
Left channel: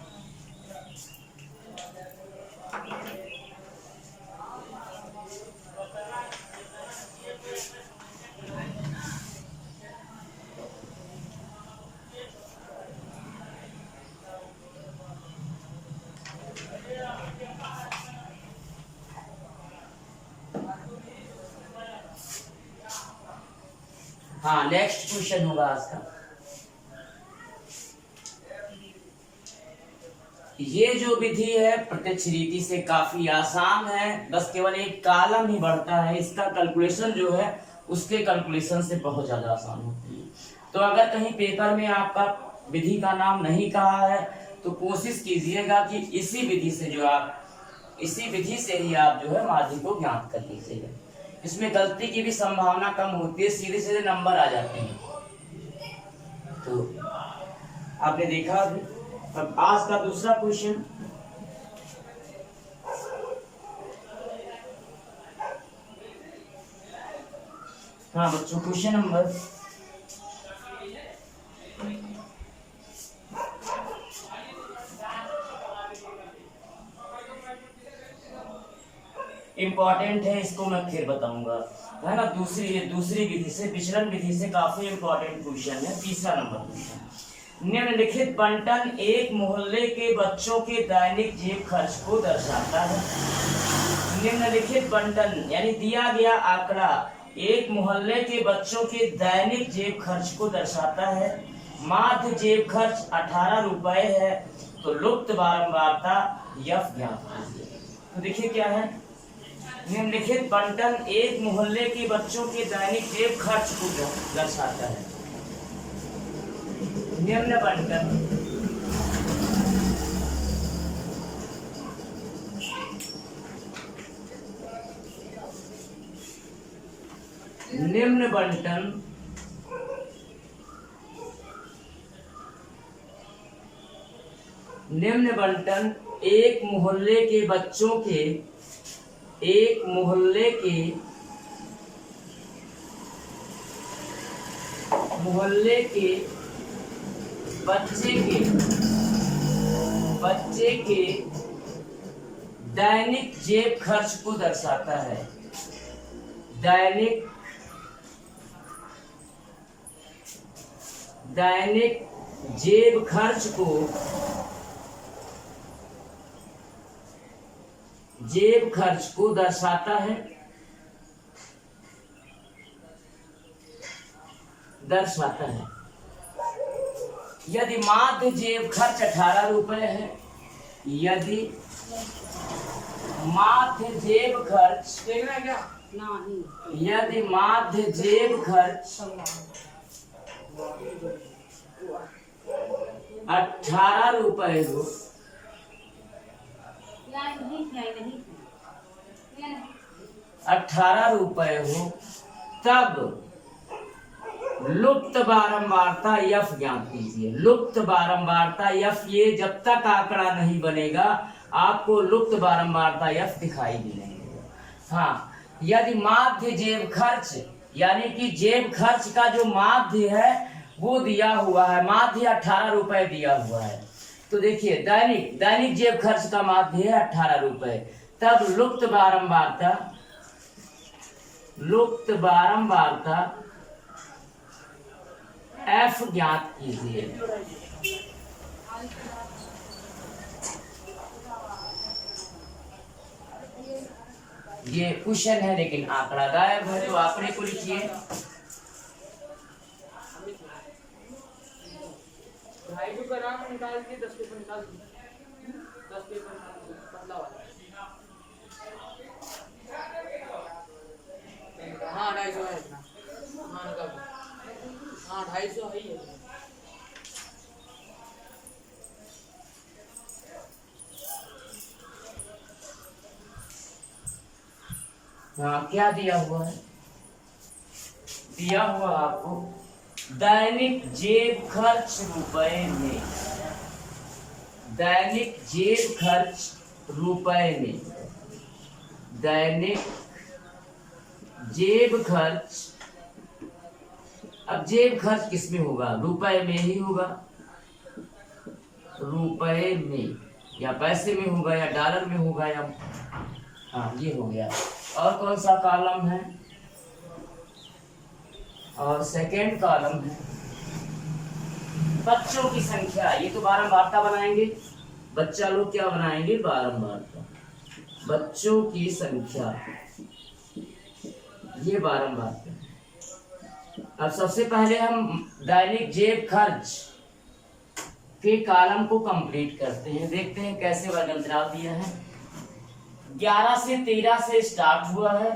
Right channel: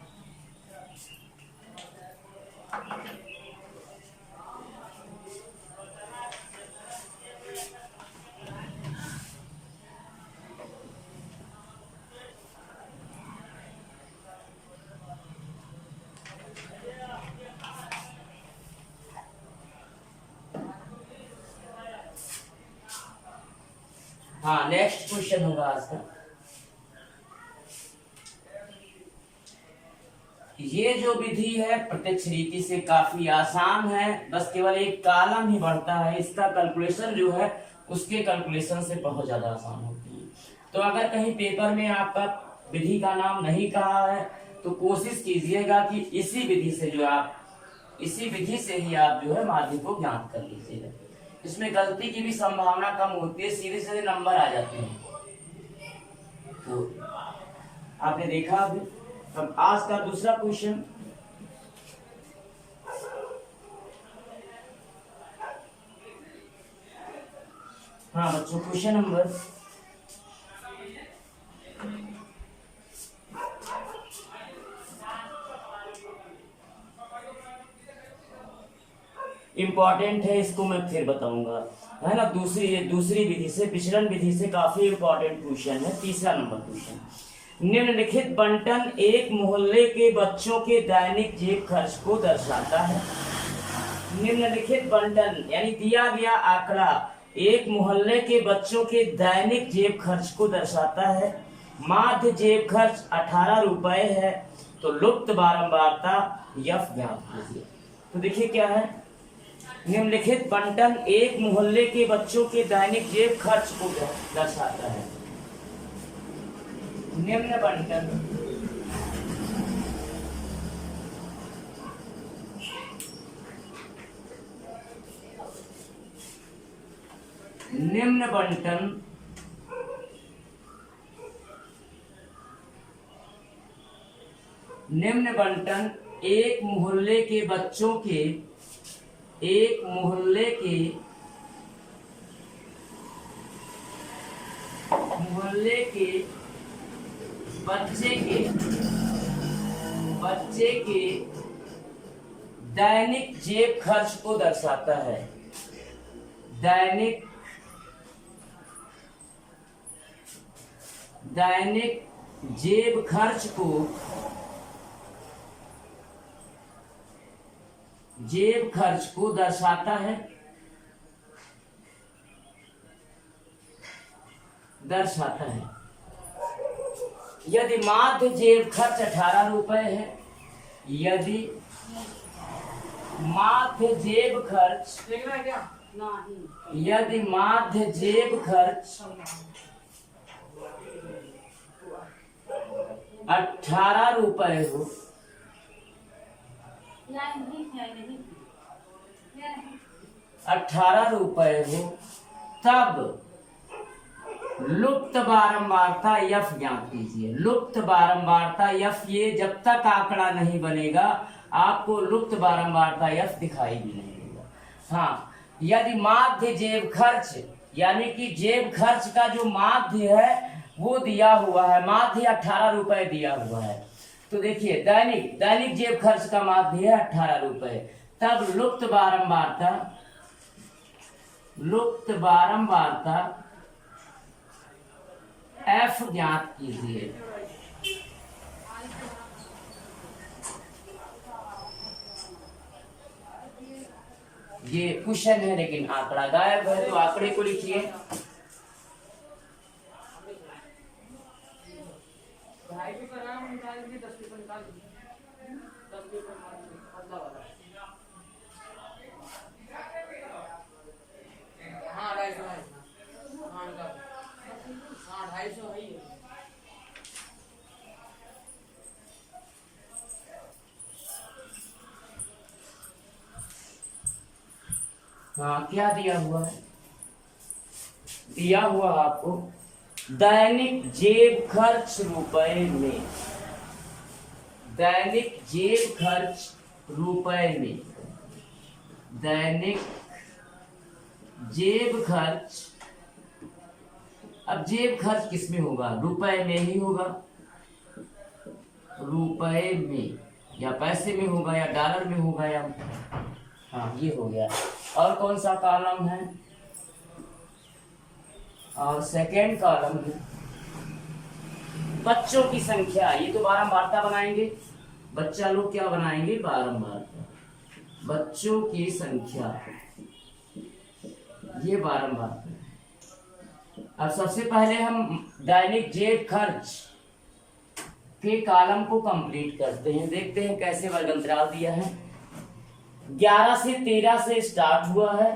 हाँ, नेक्स्ट क्वेश्चन होगा आज का। ये जो विधि है प्रत्यक्ष रीति से काफी आसान है, बस केवल एक कॉलम ही बढ़ता है। इसका कैलकुलेशन जो है उसके कैलकुलेशन से बहुत ज्यादा आसान होती है। तो अगर कहीं पेपर में आपका विधि का नाम नहीं कहा है तो कोशिश कीजिएगा कि इसी विधि से ही आप जो है माध्य को ज्ञात कर लीजिएगा। इसमें गलती की भी संभावना कम होती है, सीधे सीधे नंबर आ जाते हैं। तो आपने देखा अभी। अब आज का दूसरा क्वेश्चन, हाँ बच्चों, क्वेश्चन नंबर इम्पोर्टेंट है, इसको मैं फिर बताऊंगा, है ना। दूसरी विधि से, विचलन विधि से काफी इम्पोर्टेंट क्वेश्चन है। तीसरा नंबर क्वेश्चन, निम्नलिखित बंटन एक मोहल्ले के बच्चों के दैनिक जेब खर्च को दर्शाता है। निम्नलिखित बंटन यानी दिया गया आंकड़ा एक मोहल्ले के बच्चों के दैनिक जेब खर्च को दर्शाता है। माध्य जेब खर्च 18 रुपए है, तो लुप्त बारंबारता यफ ज्ञात कीजिए। तो देखिए क्या है, निम्नलिखित बंटन एक मोहल्ले के बच्चों के दैनिक जेब खर्च को दर्शाता है। निम्न बंटन निम्न बंटन एक मोहल्ले के बच्चों के बच्चे के दैनिक जेब खर्च को दर्शाता है। दैनिक जेब खर्च को दर्शाता है। यदि माध्य जेब खर्च 18 रुपए है, यदि माध्य जेब खर्च 18 रुपए हो, 18 रुपए हो, तब लुप्त बारंबारता यफ ज्ञात कीजिए। लुप्त बारंबारता यफ, ये जब तक आंकड़ा नहीं बनेगा आपको लुप्त बारंबारता यफ दिखाई भी नहीं देगा। हाँ, यदि माध्य जेब खर्च यानी कि जेब खर्च का जो माध्य है वो दिया हुआ है, माध्य 18 रुपए दिया हुआ है। तो देखिए दैनिक जेब खर्च का माध्य है 18 रुपए, तब लुप्त बारंबारता एफ ज्ञात कीजिए। ये क्वेश्चन है लेकिन आंकड़ा गायब है, तो आंकड़े को लिखिए। निकाल दिए 10 पेपर निकाल दिए 10 पेपर बदला वाला। हाँ 250 है इतना। हाँ निकाल। हाँ 250 है ही है। हाँ क्या दिया हुआ है? दिया हुआ आपको दैनिक जेब खर्च रुपए में, दैनिक जेब खर्च रुपए में, दैनिक जेब खर्च। अब जेब खर्च किस में होगा? रुपए में ही होगा, रुपए में, या पैसे में होगा, या डॉलर में होगा, या हाँ ये हो गया। और कौन सा कॉलम है? और सेकेंड कॉलम है बच्चों की संख्या। ये तो बारंबारता बनाएंगे, बच्चा लोग क्या बनाएंगे? बारंबारता, बच्चों की संख्या, ये बारंबारता। अब सबसे पहले हम दैनिक जेब खर्च के कॉलम को कंप्लीट करते हैं, देखते हैं कैसे वर्गंतराल दिया है। 11 से 13 से स्टार्ट हुआ है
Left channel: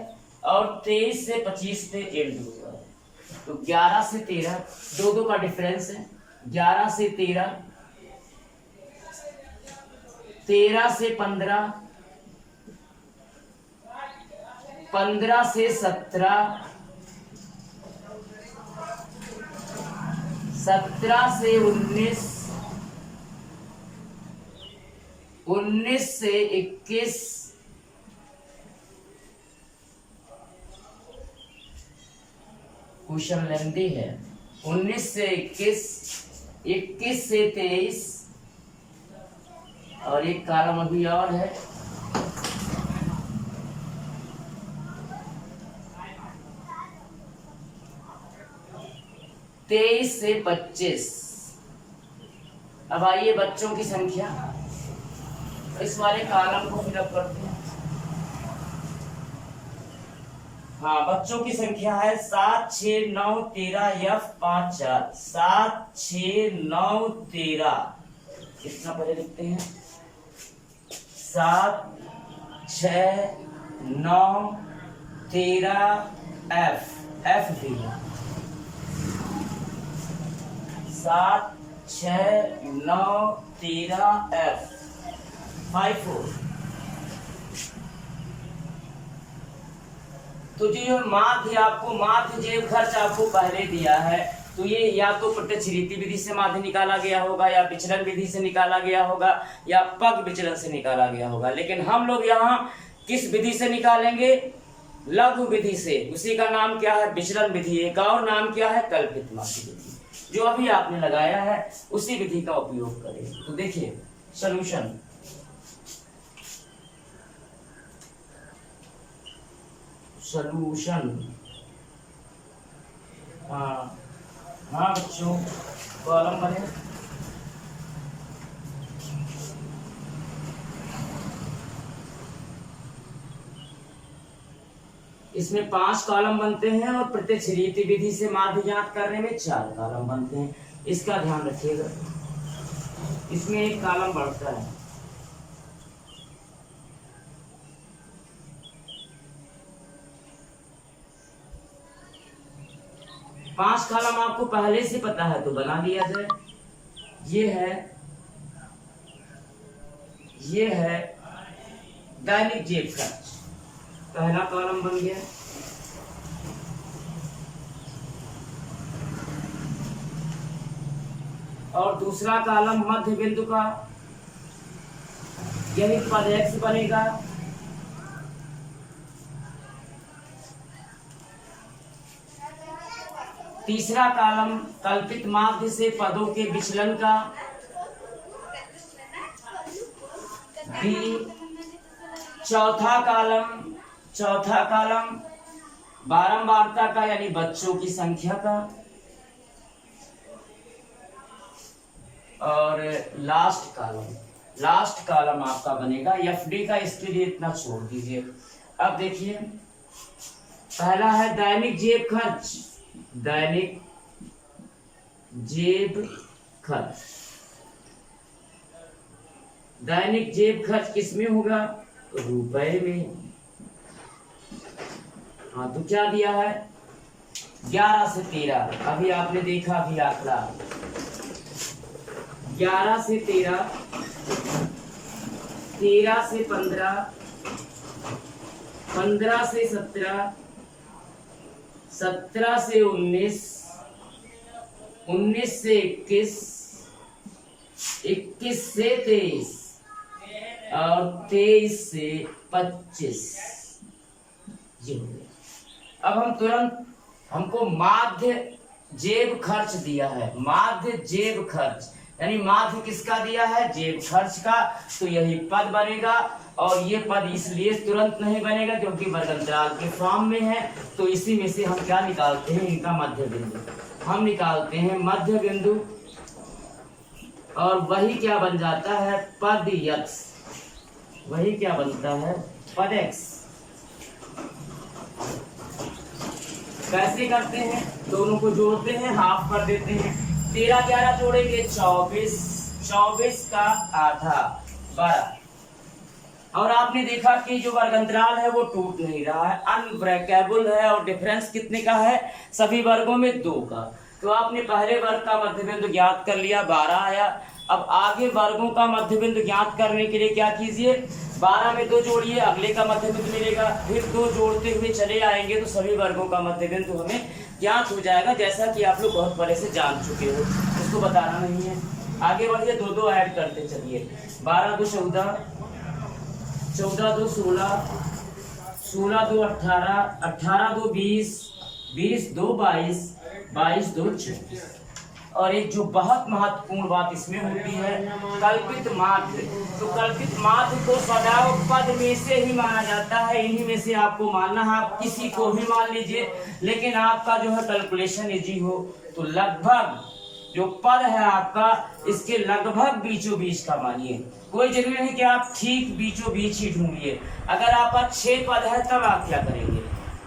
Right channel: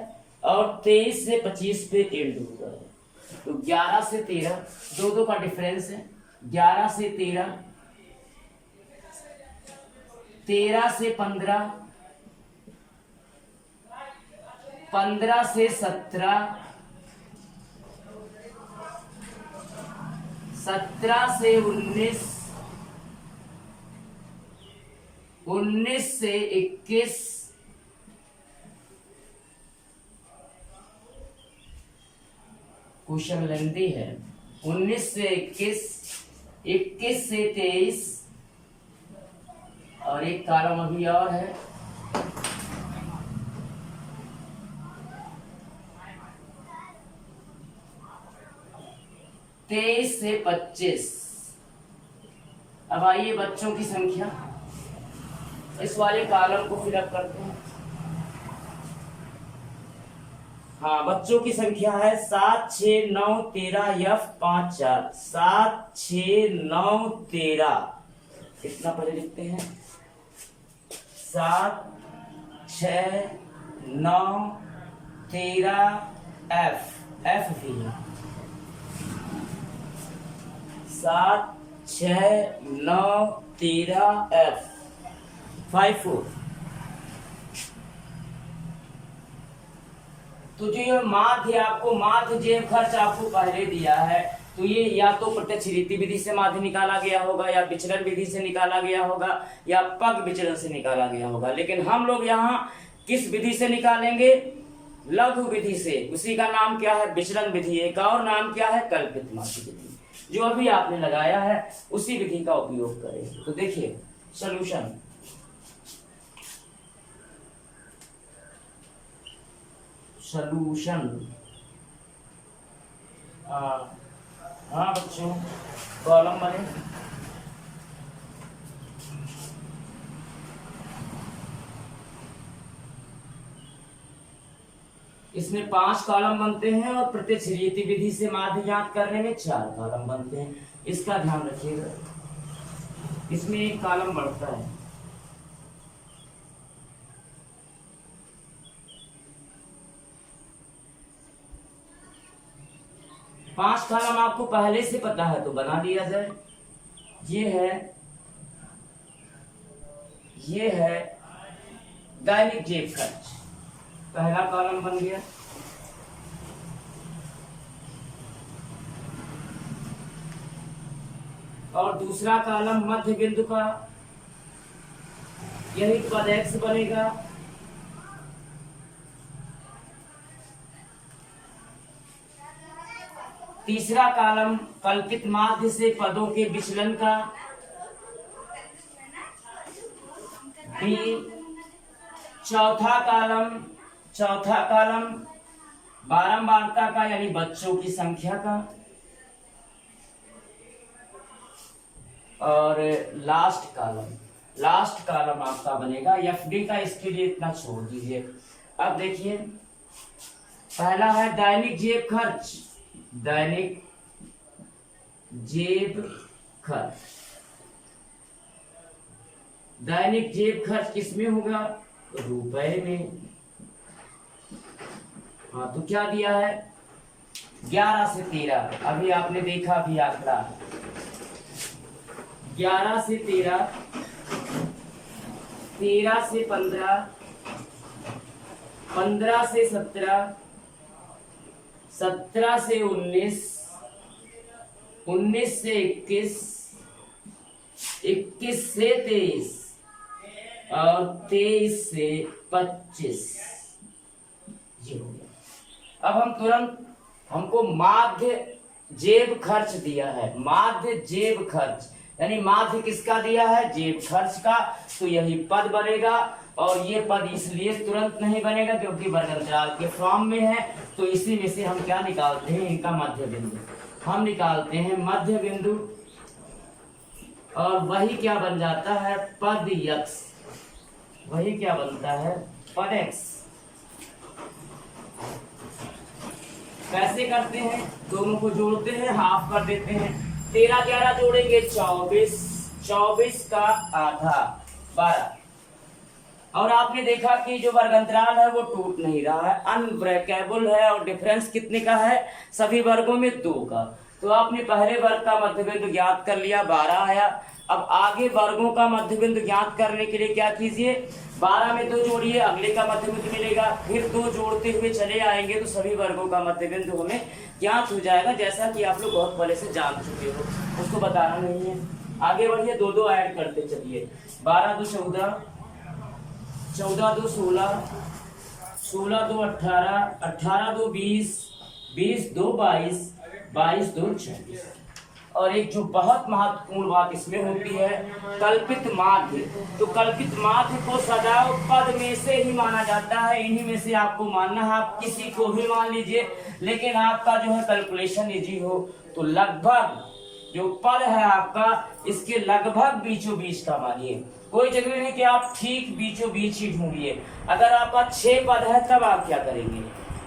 और 23 से 25 पे एंड हुआ है। तो 11 से 13, दो का डिफरेंस है। 11 से 13, 13 से 15, 15 से 17, 17 से 19, 19 से 21, क्वेश्चन लेंथी है। 19 से 21, 21 से 23, और एक कॉलम अभी और है, तेईस से 25। अब आइए बच्चों की संख्या, इस वाले कॉलम को फिलअप करते हैं। हाँ बच्चों की संख्या है 7, 6, 9, 13 F 5 4। 7, 6, 9, 13, कितना पहले लिखते हैं? 7, 6, 9, 13 F भी है। 7, 6, 9, 13 F 5 4। तो जो माध्य आपको, माध्य जेब खर्च आपको पहले दिया है, तो ये या तो प्रत्यक्ष रीति विधि से माध्य निकाला गया होगा, या विचलन विधि से निकाला गया होगा, या पग विचलन से निकाला गया होगा। लेकिन हम लोग यहाँ किस विधि से निकालेंगे? लघु विधि से। उसी का नाम क्या है? विचलन विधि। एक और नाम क्या है? कल्पित माध्य विधि। जो अभी आपने लगाया है उसी विधि का उपयोग करें। तो देखिए सॉल्यूशन, सॉल्यूशन। हाँ बच्चों, कॉलम बने। इसमें 5 कॉलम बनते हैं और प्रत्यक्ष रीति विधि से माध्य ज्ञात करने में 4 कॉलम बनते हैं। इसका ध्यान रखिएगा, इसमें एक कॉलम बढ़ता है। पांच कॉलम आपको पहले से पता है तो बना लिया जाए। ये है दैनिक जेब खर्च, पहला कॉलम बन गया। और दूसरा कॉलम मध्य बिंदु का, यही पद X बनेगा। तीसरा कॉलम कल्पित माध्य से पदों के विचलन का, B। चौथा कॉलम बारंबारता का, यानी बच्चों की संख्या का। और लास्ट कॉलम आपका बनेगा FD का। इसके लिए इतना छोड़ दीजिए, अब देखिए, पहला है दैनिक जेब खर्च। दैनिक जेब खर्च, दैनिक जेब खर्च किसमें होगा? रुपए में। हाँ, तो क्या दिया है? 11 से 13। अभी आपने देखा भी आंकड़ा, 11 से 13, 13 से 15, 15 से 17, 17 से 19, 19 से 21, 21 से 23 और 23 से 25। ये हो गया। अब हम तुरंत, हमको माध्य जेब खर्च दिया है। माध्य जेब खर्च यानी माध्य किसका दिया है? जेब खर्च का। तो यही पद बनेगा, और ये पद इसलिए तुरंत नहीं बनेगा क्योंकि वर्गंतराल के फॉर्म में है। तो इसी में से हम क्या निकालते हैं? इनका मध्य बिंदु। हम निकालते हैं मध्य बिंदु, और वही क्या बन जाता है? पद x। वही क्या बनता है? पद x। कैसे करते हैं? दोनों को जोड़ते हैं, हाफ कर देते हैं। 13 11 जोड़ेंगे 24, 24 का आधा 12। और आपने देखा कि जो वर्गंतराल है वो टूट नहीं रहा है, अनब्रेकेबल है, और डिफरेंस कितने का है? सभी वर्गों में 2 का। तो आपने पहले वर्ग का मध्य बिंदु ज्ञात कर लिया, 12 आया। अब आगे वर्गों का मध्य बिंदु ज्ञात करने के लिए क्या कीजिए? 12 में 2 जोड़िए, अगले का मध्य बिंदु मिलेगा। फिर 2 जोड़ते हुए चले आएंगे तो सभी वर्गों का मध्य बिंदु हमें ज्ञात हो जाएगा, जैसा कि आप लोग बहुत पहले से जान चुके हो, उसको बताना नहीं है। आगे बढ़िए, 2 ऐड करते चलिए। 12 2 14, 14 2 16, 16 2 18, 18 2 20, 20 2 22, 22 2 24। और एक जो बहुत महत्वपूर्ण बात इसमें होती है, कल्पित माध्य। तो कल्पित माध्य को सदैव पद में से ही माना जाता है। इन्हीं में से आपको मानना है, आप किसी को भी मान लीजिए, लेकिन आपका जो है कैलकुलेशन इजी हो तो लगभग जो पद है आपका, इसके लगभग बीचों बीच का मानिए। कोई जरूरी नहीं कि आप ठीक बीचों बीच ही ढूंढिए। अगर आपका 6 पद है तब आप क्या करेंगे?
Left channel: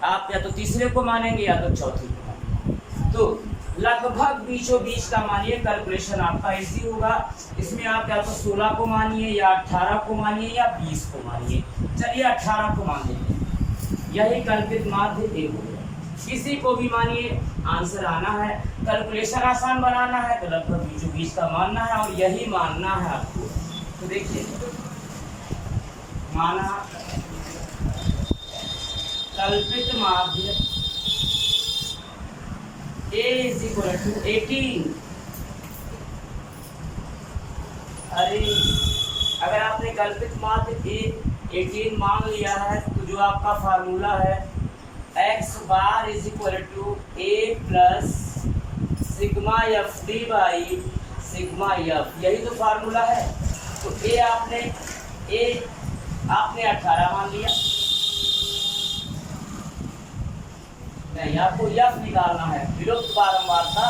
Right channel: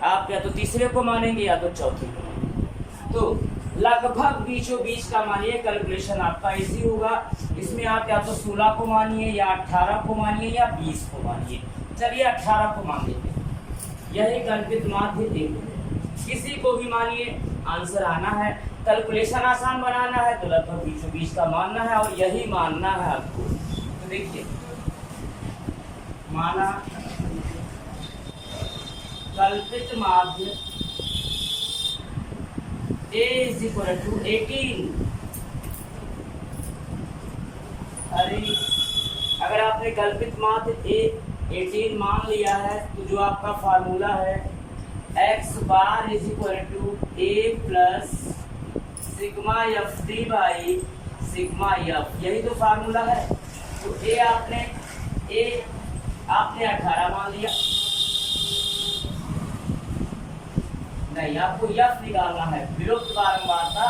आप या तो तीसरे को मानेंगे या तो चौथे को मानेंगे। तो लगभग बीचों बीच का मानिए, कैलकुलेशन आपका इजी होगा। इसमें आप या तो 16 को मानिए, या 18 को मानिए, या 20 को मानिए। चलिए 18 को मान लेते हैं। यही कल्पित माध्य एक हो गया। किसी को भी मानिए, आंसर आना है। कैलकुलेशन आसान बनाना है तो लगभग बीचों बीच का मानना है, और यही मानना है आपको। तो देखिए, माना कल्पित माध्य A is equal to 18। अरे अगर आपने कल्पित माध्य A 18 मान लिया है तो जो आपका फार्मूला है x bar is equal to a plus sigma F d by sigma f, यही तो फार्मूला है। तो a आपने 18 मान लिया, नहीं आपको एफ निकालना है, विलुप्त बारंबारता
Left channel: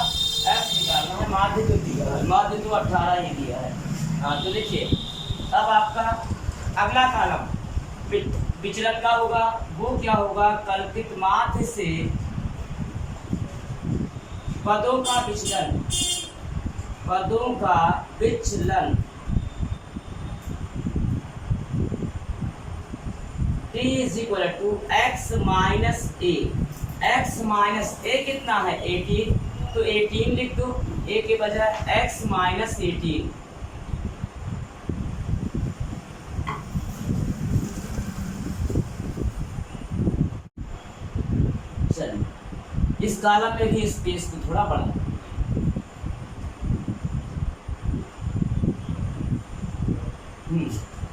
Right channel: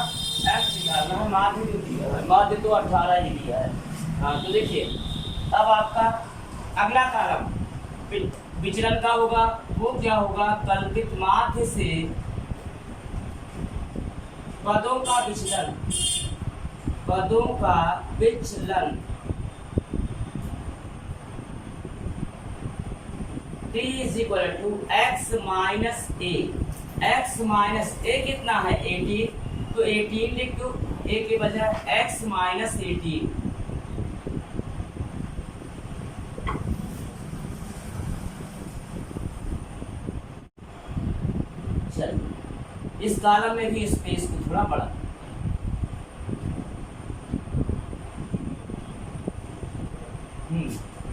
एफ निकालना है। माध्य तो दिया है, माध्य तो 18 ही दिया है। हाँ, तो देखिए अब आपका अगला कॉलम विचलन का होगा। वो क्या होगा? कल्पित माध्य से पदों का विचलन, पदों का विचलन t is equal to x minus A. x minus A कितना है? 18, तो 18 लिख दो, a के बजाय x माइनस 18। चलिए इस कॉलम में भी स्पेस को थोड़ा बढ़ा,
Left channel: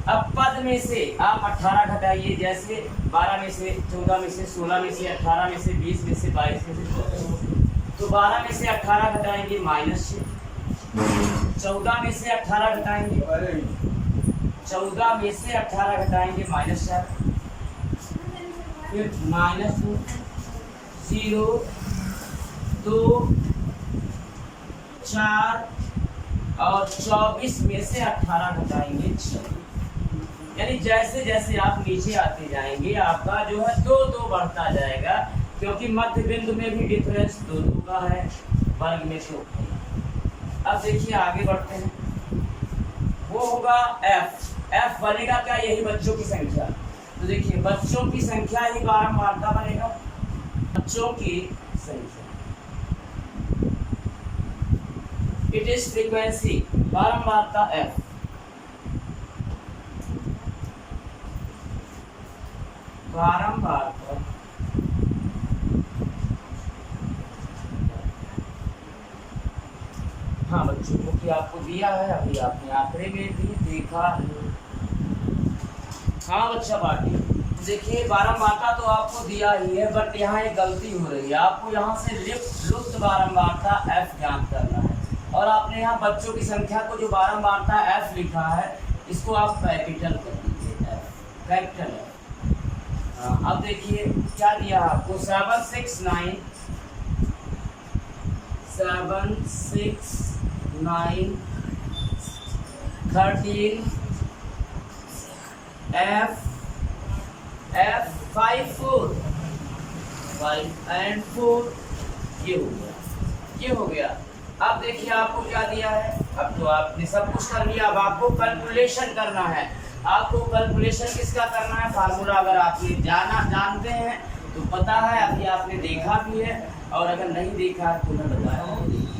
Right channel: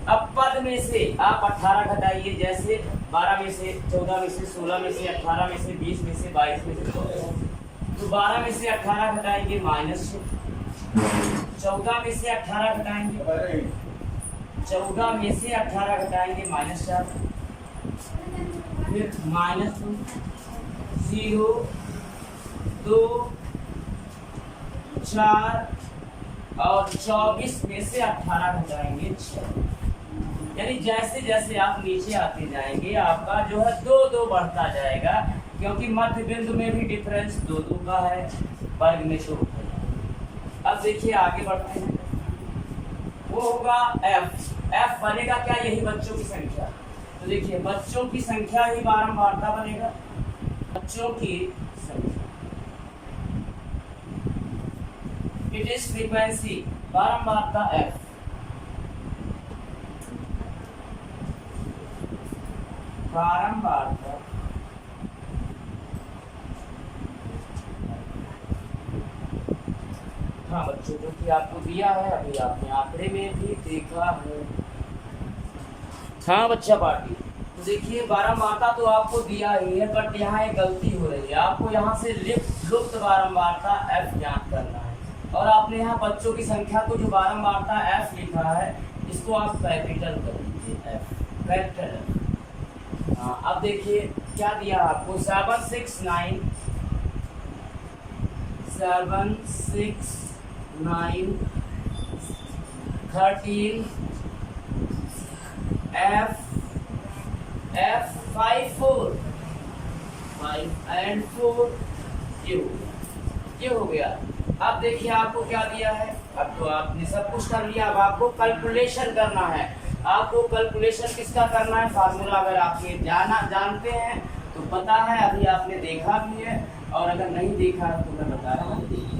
अब पद में से आप 18 घटाइए, जैसे 12 में से 14 में से 16 में से 18 में से 20 में से 22 में से 24। तो 12 में से 18 घटाएंगे -6, 14 में से 18 घटाएंगे, 14 में से 18 घटाएंगे -4, फिर -2, 0, 2, 4 और 24 में से 18 घटाएंगे 6। यानी जैसे जैसे आप नीचे आते जाएंगे आपका जो है दो दो बढ़ता जाएगा, क्योंकि मध्य बिंदु में भी डिफरेंस दो दो का है, वर्ग में तो। अब देखिए आगे बढ़ते हैं, वो होगा एफ बनेगा क्या, यही बच्चों की संख्या। तो देखिए बच्चों की संख्या ही बारंबारता बनेगा, बच्चों की संख्या, इट इज फ्रीक्वेंसी, बारंबारता एफ। बारंबारता हाँ बच्चों को कि आपको दिया है, अभी आपने आंकड़े में भी देखा है। हाँ बच्चा पार्टी, देखिए बारंबारता तो आपको दिया ही है, बट यहाँ एक गलती हो रही है। आपको यहाँ से लुप्त बारंबारता एफ ज्ञात करना है, और आपने यहाँ बच्चों की संख्या को जो बारंबारता एफ लिखा है इसको आप कैपिटल कर दीजिए, एफ कैपिटल एफ। हाँ अब देखिए क्या दिया आपको, 7 6 9 7 6 9 13 F 5 4 5 and 4, ये हो गया। अब देखिए आपको क्या दिया है, अब तो आपने सब कुछ कर लिया, अब आपको कैलकुलेशन करना है। आपको कैलकुलेशन किसका करना है, फार्मूला अगर आप ये जानते हैं तो पता है, अभी आपने देखा भी है, और अगर नहीं देखा तो मैं बता रहा हूँ,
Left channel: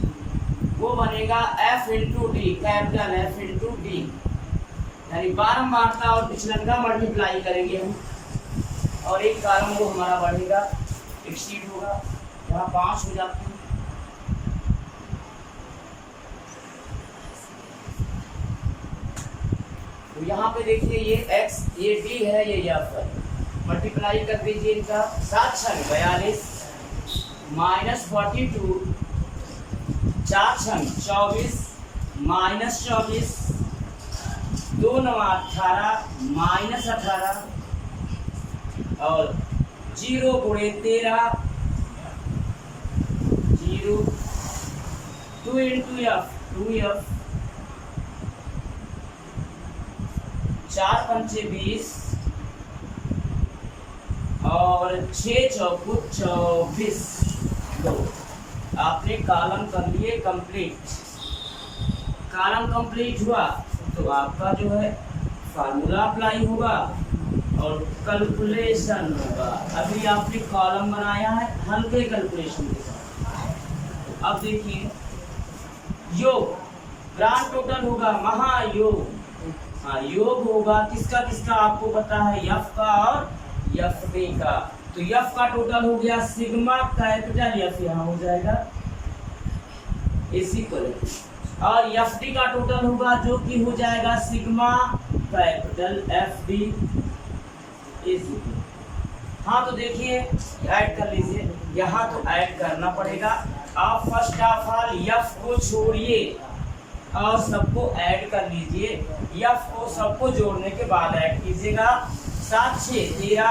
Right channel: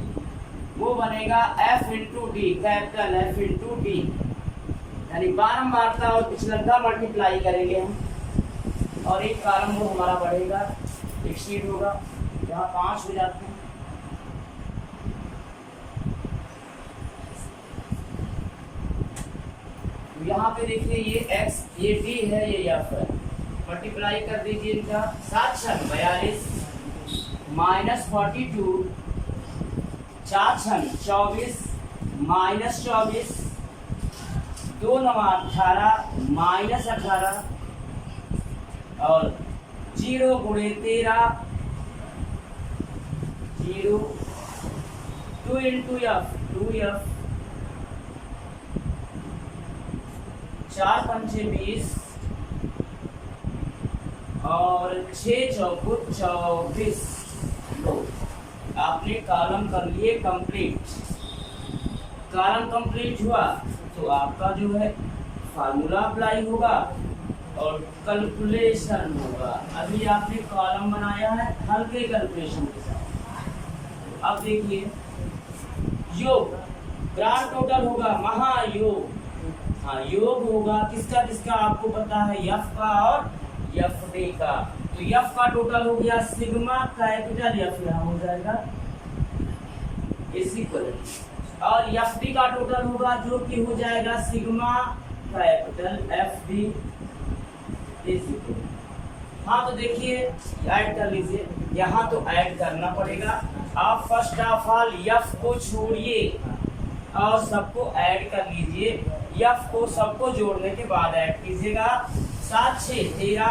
वो बनेगा F into D, capital F into D, यानी बारंबारता और पिछलंका मल्टीप्लाई करेंगे हम, और एक कॉलम वो हमारा बढ़ेगा, एक्सीड होगा, यहाँ 5 हो जाते हैं। तो यहाँ पे देखिए ये x, ये d है, ये f है, मल्टीप्लाई कर दीजिए इनका, 7 छंग 42 माइनस 42, 4 छंग 24 माइनस 24, 2 9 18 माइनस 18, और 0 गुणे 13, 0, 2 इंटू एफ 2f, 4 पंचे 20, और 6 चौको 24। लो आपने कॉलम कर लिए कंप्लीट, कॉलम कंप्लीट हुआ तो आपका जो है फार्मूला अप्लाई होगा और कैलकुलेशन होगा। अभी आपने कॉलम बनाया है हल्के कैलकुलेशन के साथ। अब देखिए योग, ग्रांड टोटल होगा महायोग, हाँ योग होगा किसका किसका आपको पता है, यफ का और यफ डी का। तो यफ का टोटल हो गया सिग्मा कैपिटल एफ, यहाँ हो जाएगा इज इक्वल, और एफ डी का टोटल होगा जो कि हो जाएगा sigma capital F D is equal. हाँ तो देखिए ऐड कर लीजिए, यहाँ तो ऐड करना पड़ेगा। आप फर्स्ट ऑफ ऑल एफ को छोड़िए और सबको ऐड कर लीजिए, एफ को सबको जोड़ने के बाद ऐड कीजिएगा। 7 6 13,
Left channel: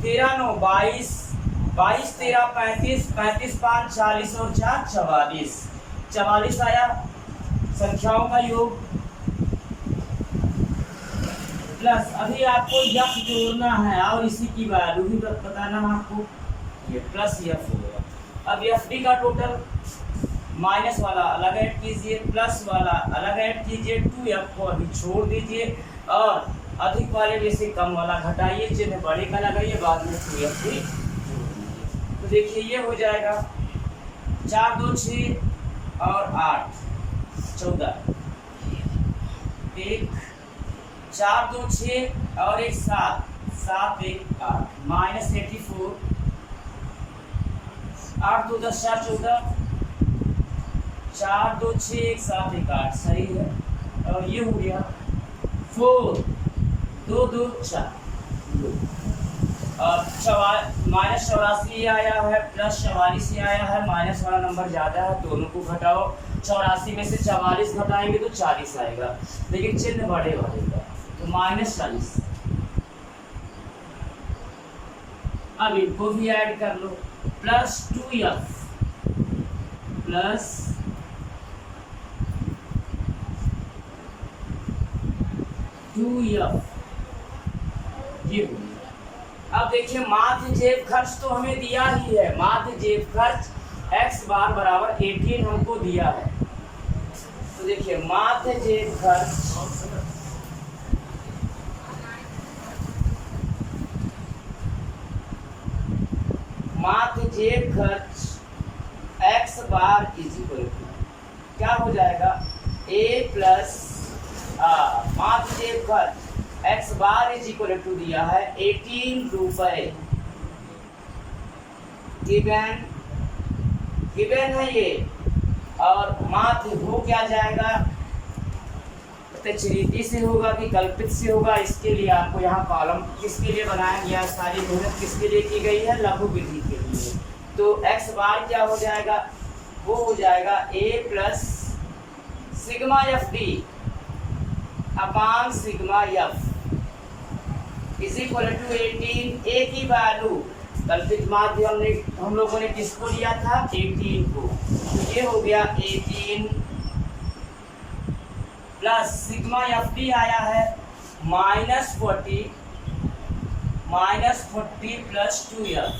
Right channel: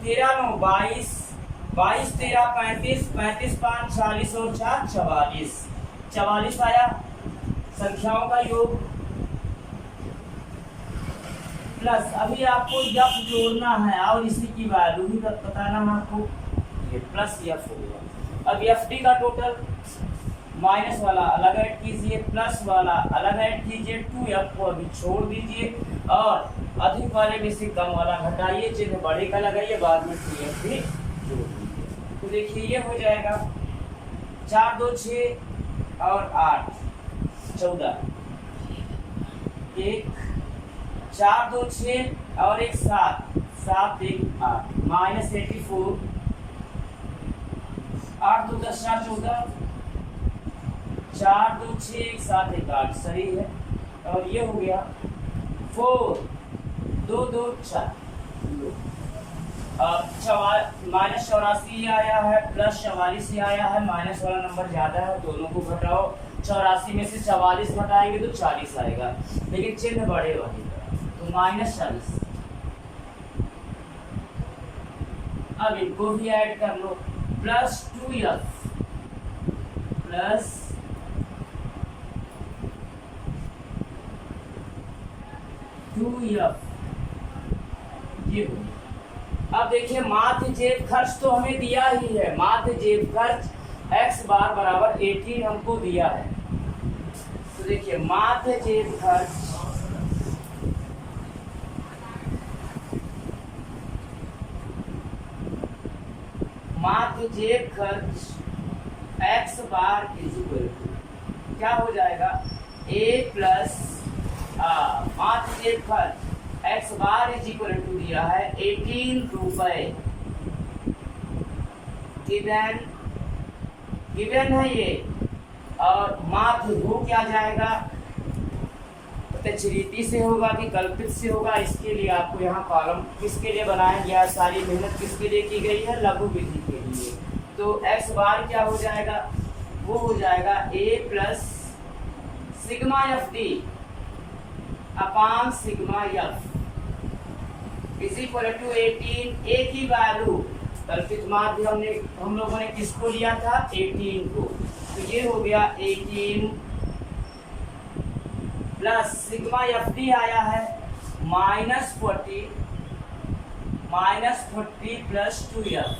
13 9 22, 22 13 35, 35 5 40 और 4 44, 44 आया संख्याओं का योग। प्लस अभी आपको एफ जोड़ना है और इसी की वैल्यू भी बताना है आपको, ये प्लस एफ हो गया। अब एफ डी का टोटल, माइनस वाला अलग ऐड कीजिए, प्लस वाला अलग ऐड कीजिए, 2f को अभी छोड़ दीजिए और अधिक वाले में से कम वाला घटाइए, चिन्ह बड़े का लगाइए, बाद में 2f भी जोड़ दीजिए। तो देखिए ये हो जाएगा 4 2 6 और 8 14, 1 4 2 6 और 1 7, 7 1 8 माइनस 84, 8 2 10 4 14, 4 2 6 1 7 1 8, सही है। और ये हो गया 4 2 2 4, और माइनस 84 आया है, प्लस 44 ही आया है, माइनस वाला नंबर ज़्यादा है, दोनों को घटाओ। 84 में से 44 घटाएंगे तो 40 आएगा, लेकिन चिन्ह बड़े रहेगा, तो माइनस 40। अब इनको भी ऐड कर लो, प्लस 2f प्लस 2 2f, ये हो गया। अब देखिए माध्य जेब खर्च तो हमें दिया ही है, माध्य जेब खर्च x बार बराबर 18 हमको दिया है। तो देखिए माध्य जेब खर्च x bar is equal to क्या हो जाएगा, a प्लस माध्य जेब खर्च x bar is equal to दिया है 18 रुपए, गिवन है ये। और माध्य हो क्या जाएगा, प्रत्यक्ष रीति से होगा कि कल्पित से होगा, इसके लिए आपको यहाँ कॉलम किसके लिए बनाया गया, सारी मेहनत किसके लिए की गई है, लघु विधि के लिए। तो x बार क्या हो जाएगा, वो हो जाएगा a plus sigma F D upon sigma f is equal to 18। a की वैल्यू कल्पित माध्य हम लोगों ने किसको लिया था, 18 को। तो ये हो गया 18 प्लस सिग्मा एफ डी आया है -40 प्लस 2f,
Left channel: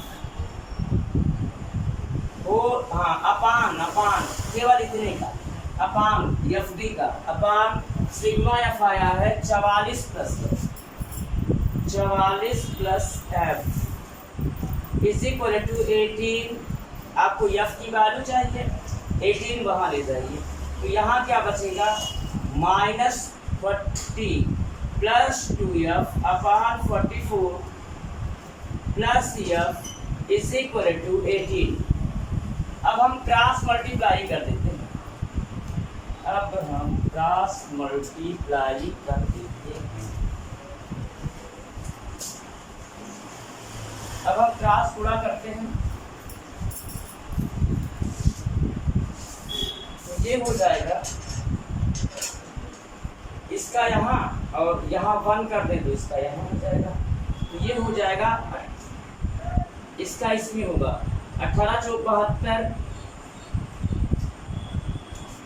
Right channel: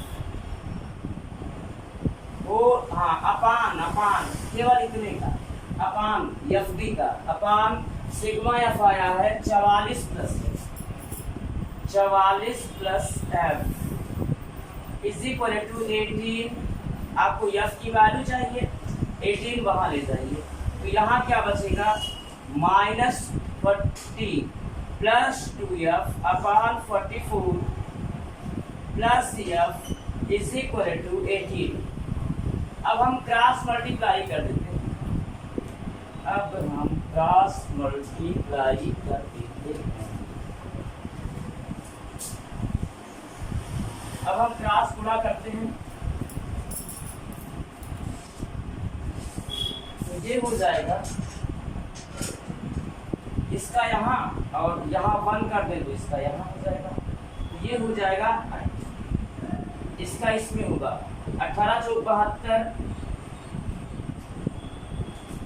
वो हाँ अपान केवल इतने का, अपान एफ डी का, अपान सिग्मा एफ आया है 44 plus f is equal to 18। आपको f की वैल्यू चाहिए, 18 वहां ले जाइए, तो यहाँ क्या बचेगा, -40 plus 2f upon 44 plus f is equal to 18। अब हम क्रॉस मल्टीप्लाई कर देते हैं, अब हम क्रॉस गुणा करते हैं, तो ये हो जाएगा, इसका यहाँ और यहाँ 1 कर दें तो इसका यहाँ हो जाएगा, तो ये हो जाएगा, इसका इसमें होगा 18 चौक 72।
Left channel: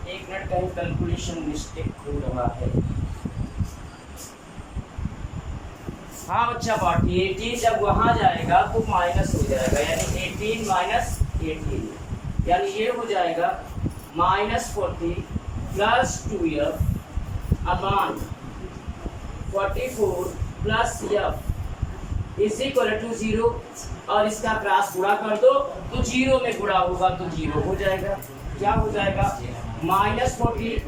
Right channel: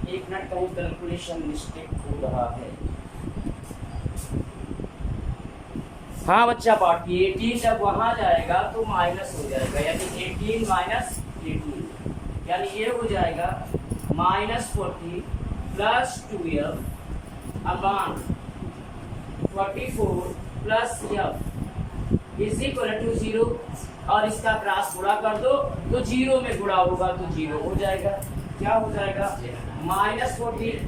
एक मिनट, कहीं कैलकुलेशन मिस्टेक हो रहा है। हाँ बच्चा पार्टी 18 जब वहां जाएगा तो माइनस हो जाएगा, यानी 18 माइनस 18, यानी ये हो जाएगा -40 plus 2f upon 44 plus f is equal to 0। और इसका क्रॉस गुणा कर दो तो 0 में गुणा होगा तो 0 हो जाएगा। क्या हो जाएगा, -40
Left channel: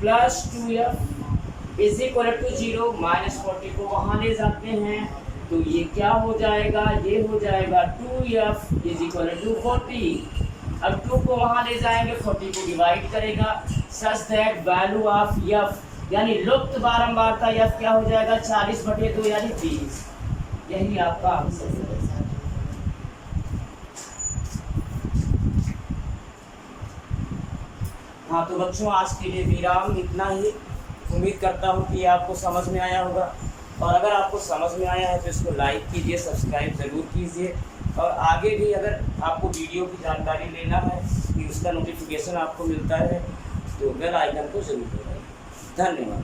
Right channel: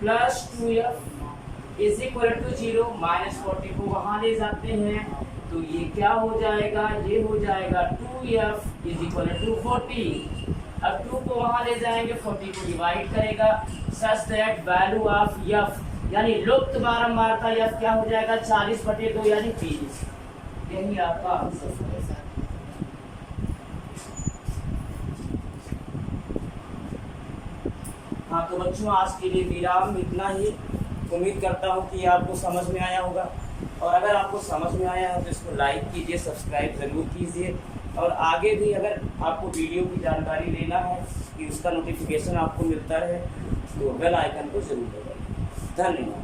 plus 2f is equal to 0, -40 को वहां ले जाते हैं तो ये क्या हो जाएगा, ये हो जाएगा 2f इज इक्वल टू 40। अब 2 को वहां ले जाएंगे, 40 को डिवाइड करेगा, such that value of f यानी लुप्त बारंबारता f क्या हो जाएगा, 40/2 यानी 20। यही आपका आंसर है। हाँ तो बच्चों आज के लिए विराम इतना ही। उम्मीद करता हूँ कि आपको समझ में आया होगा, और अगर आपको समझ में आया है तो इसको लाइक कीजिए, सब्सक्राइब ज़रूर कीजिए, और आगे भी अगर आपको वीडियो की जानकारी लेना है कि उसका नोटिफिकेशन आपको मिलता है तो बेल आइकन को ज़रूर दबाइए। धन्यवाद।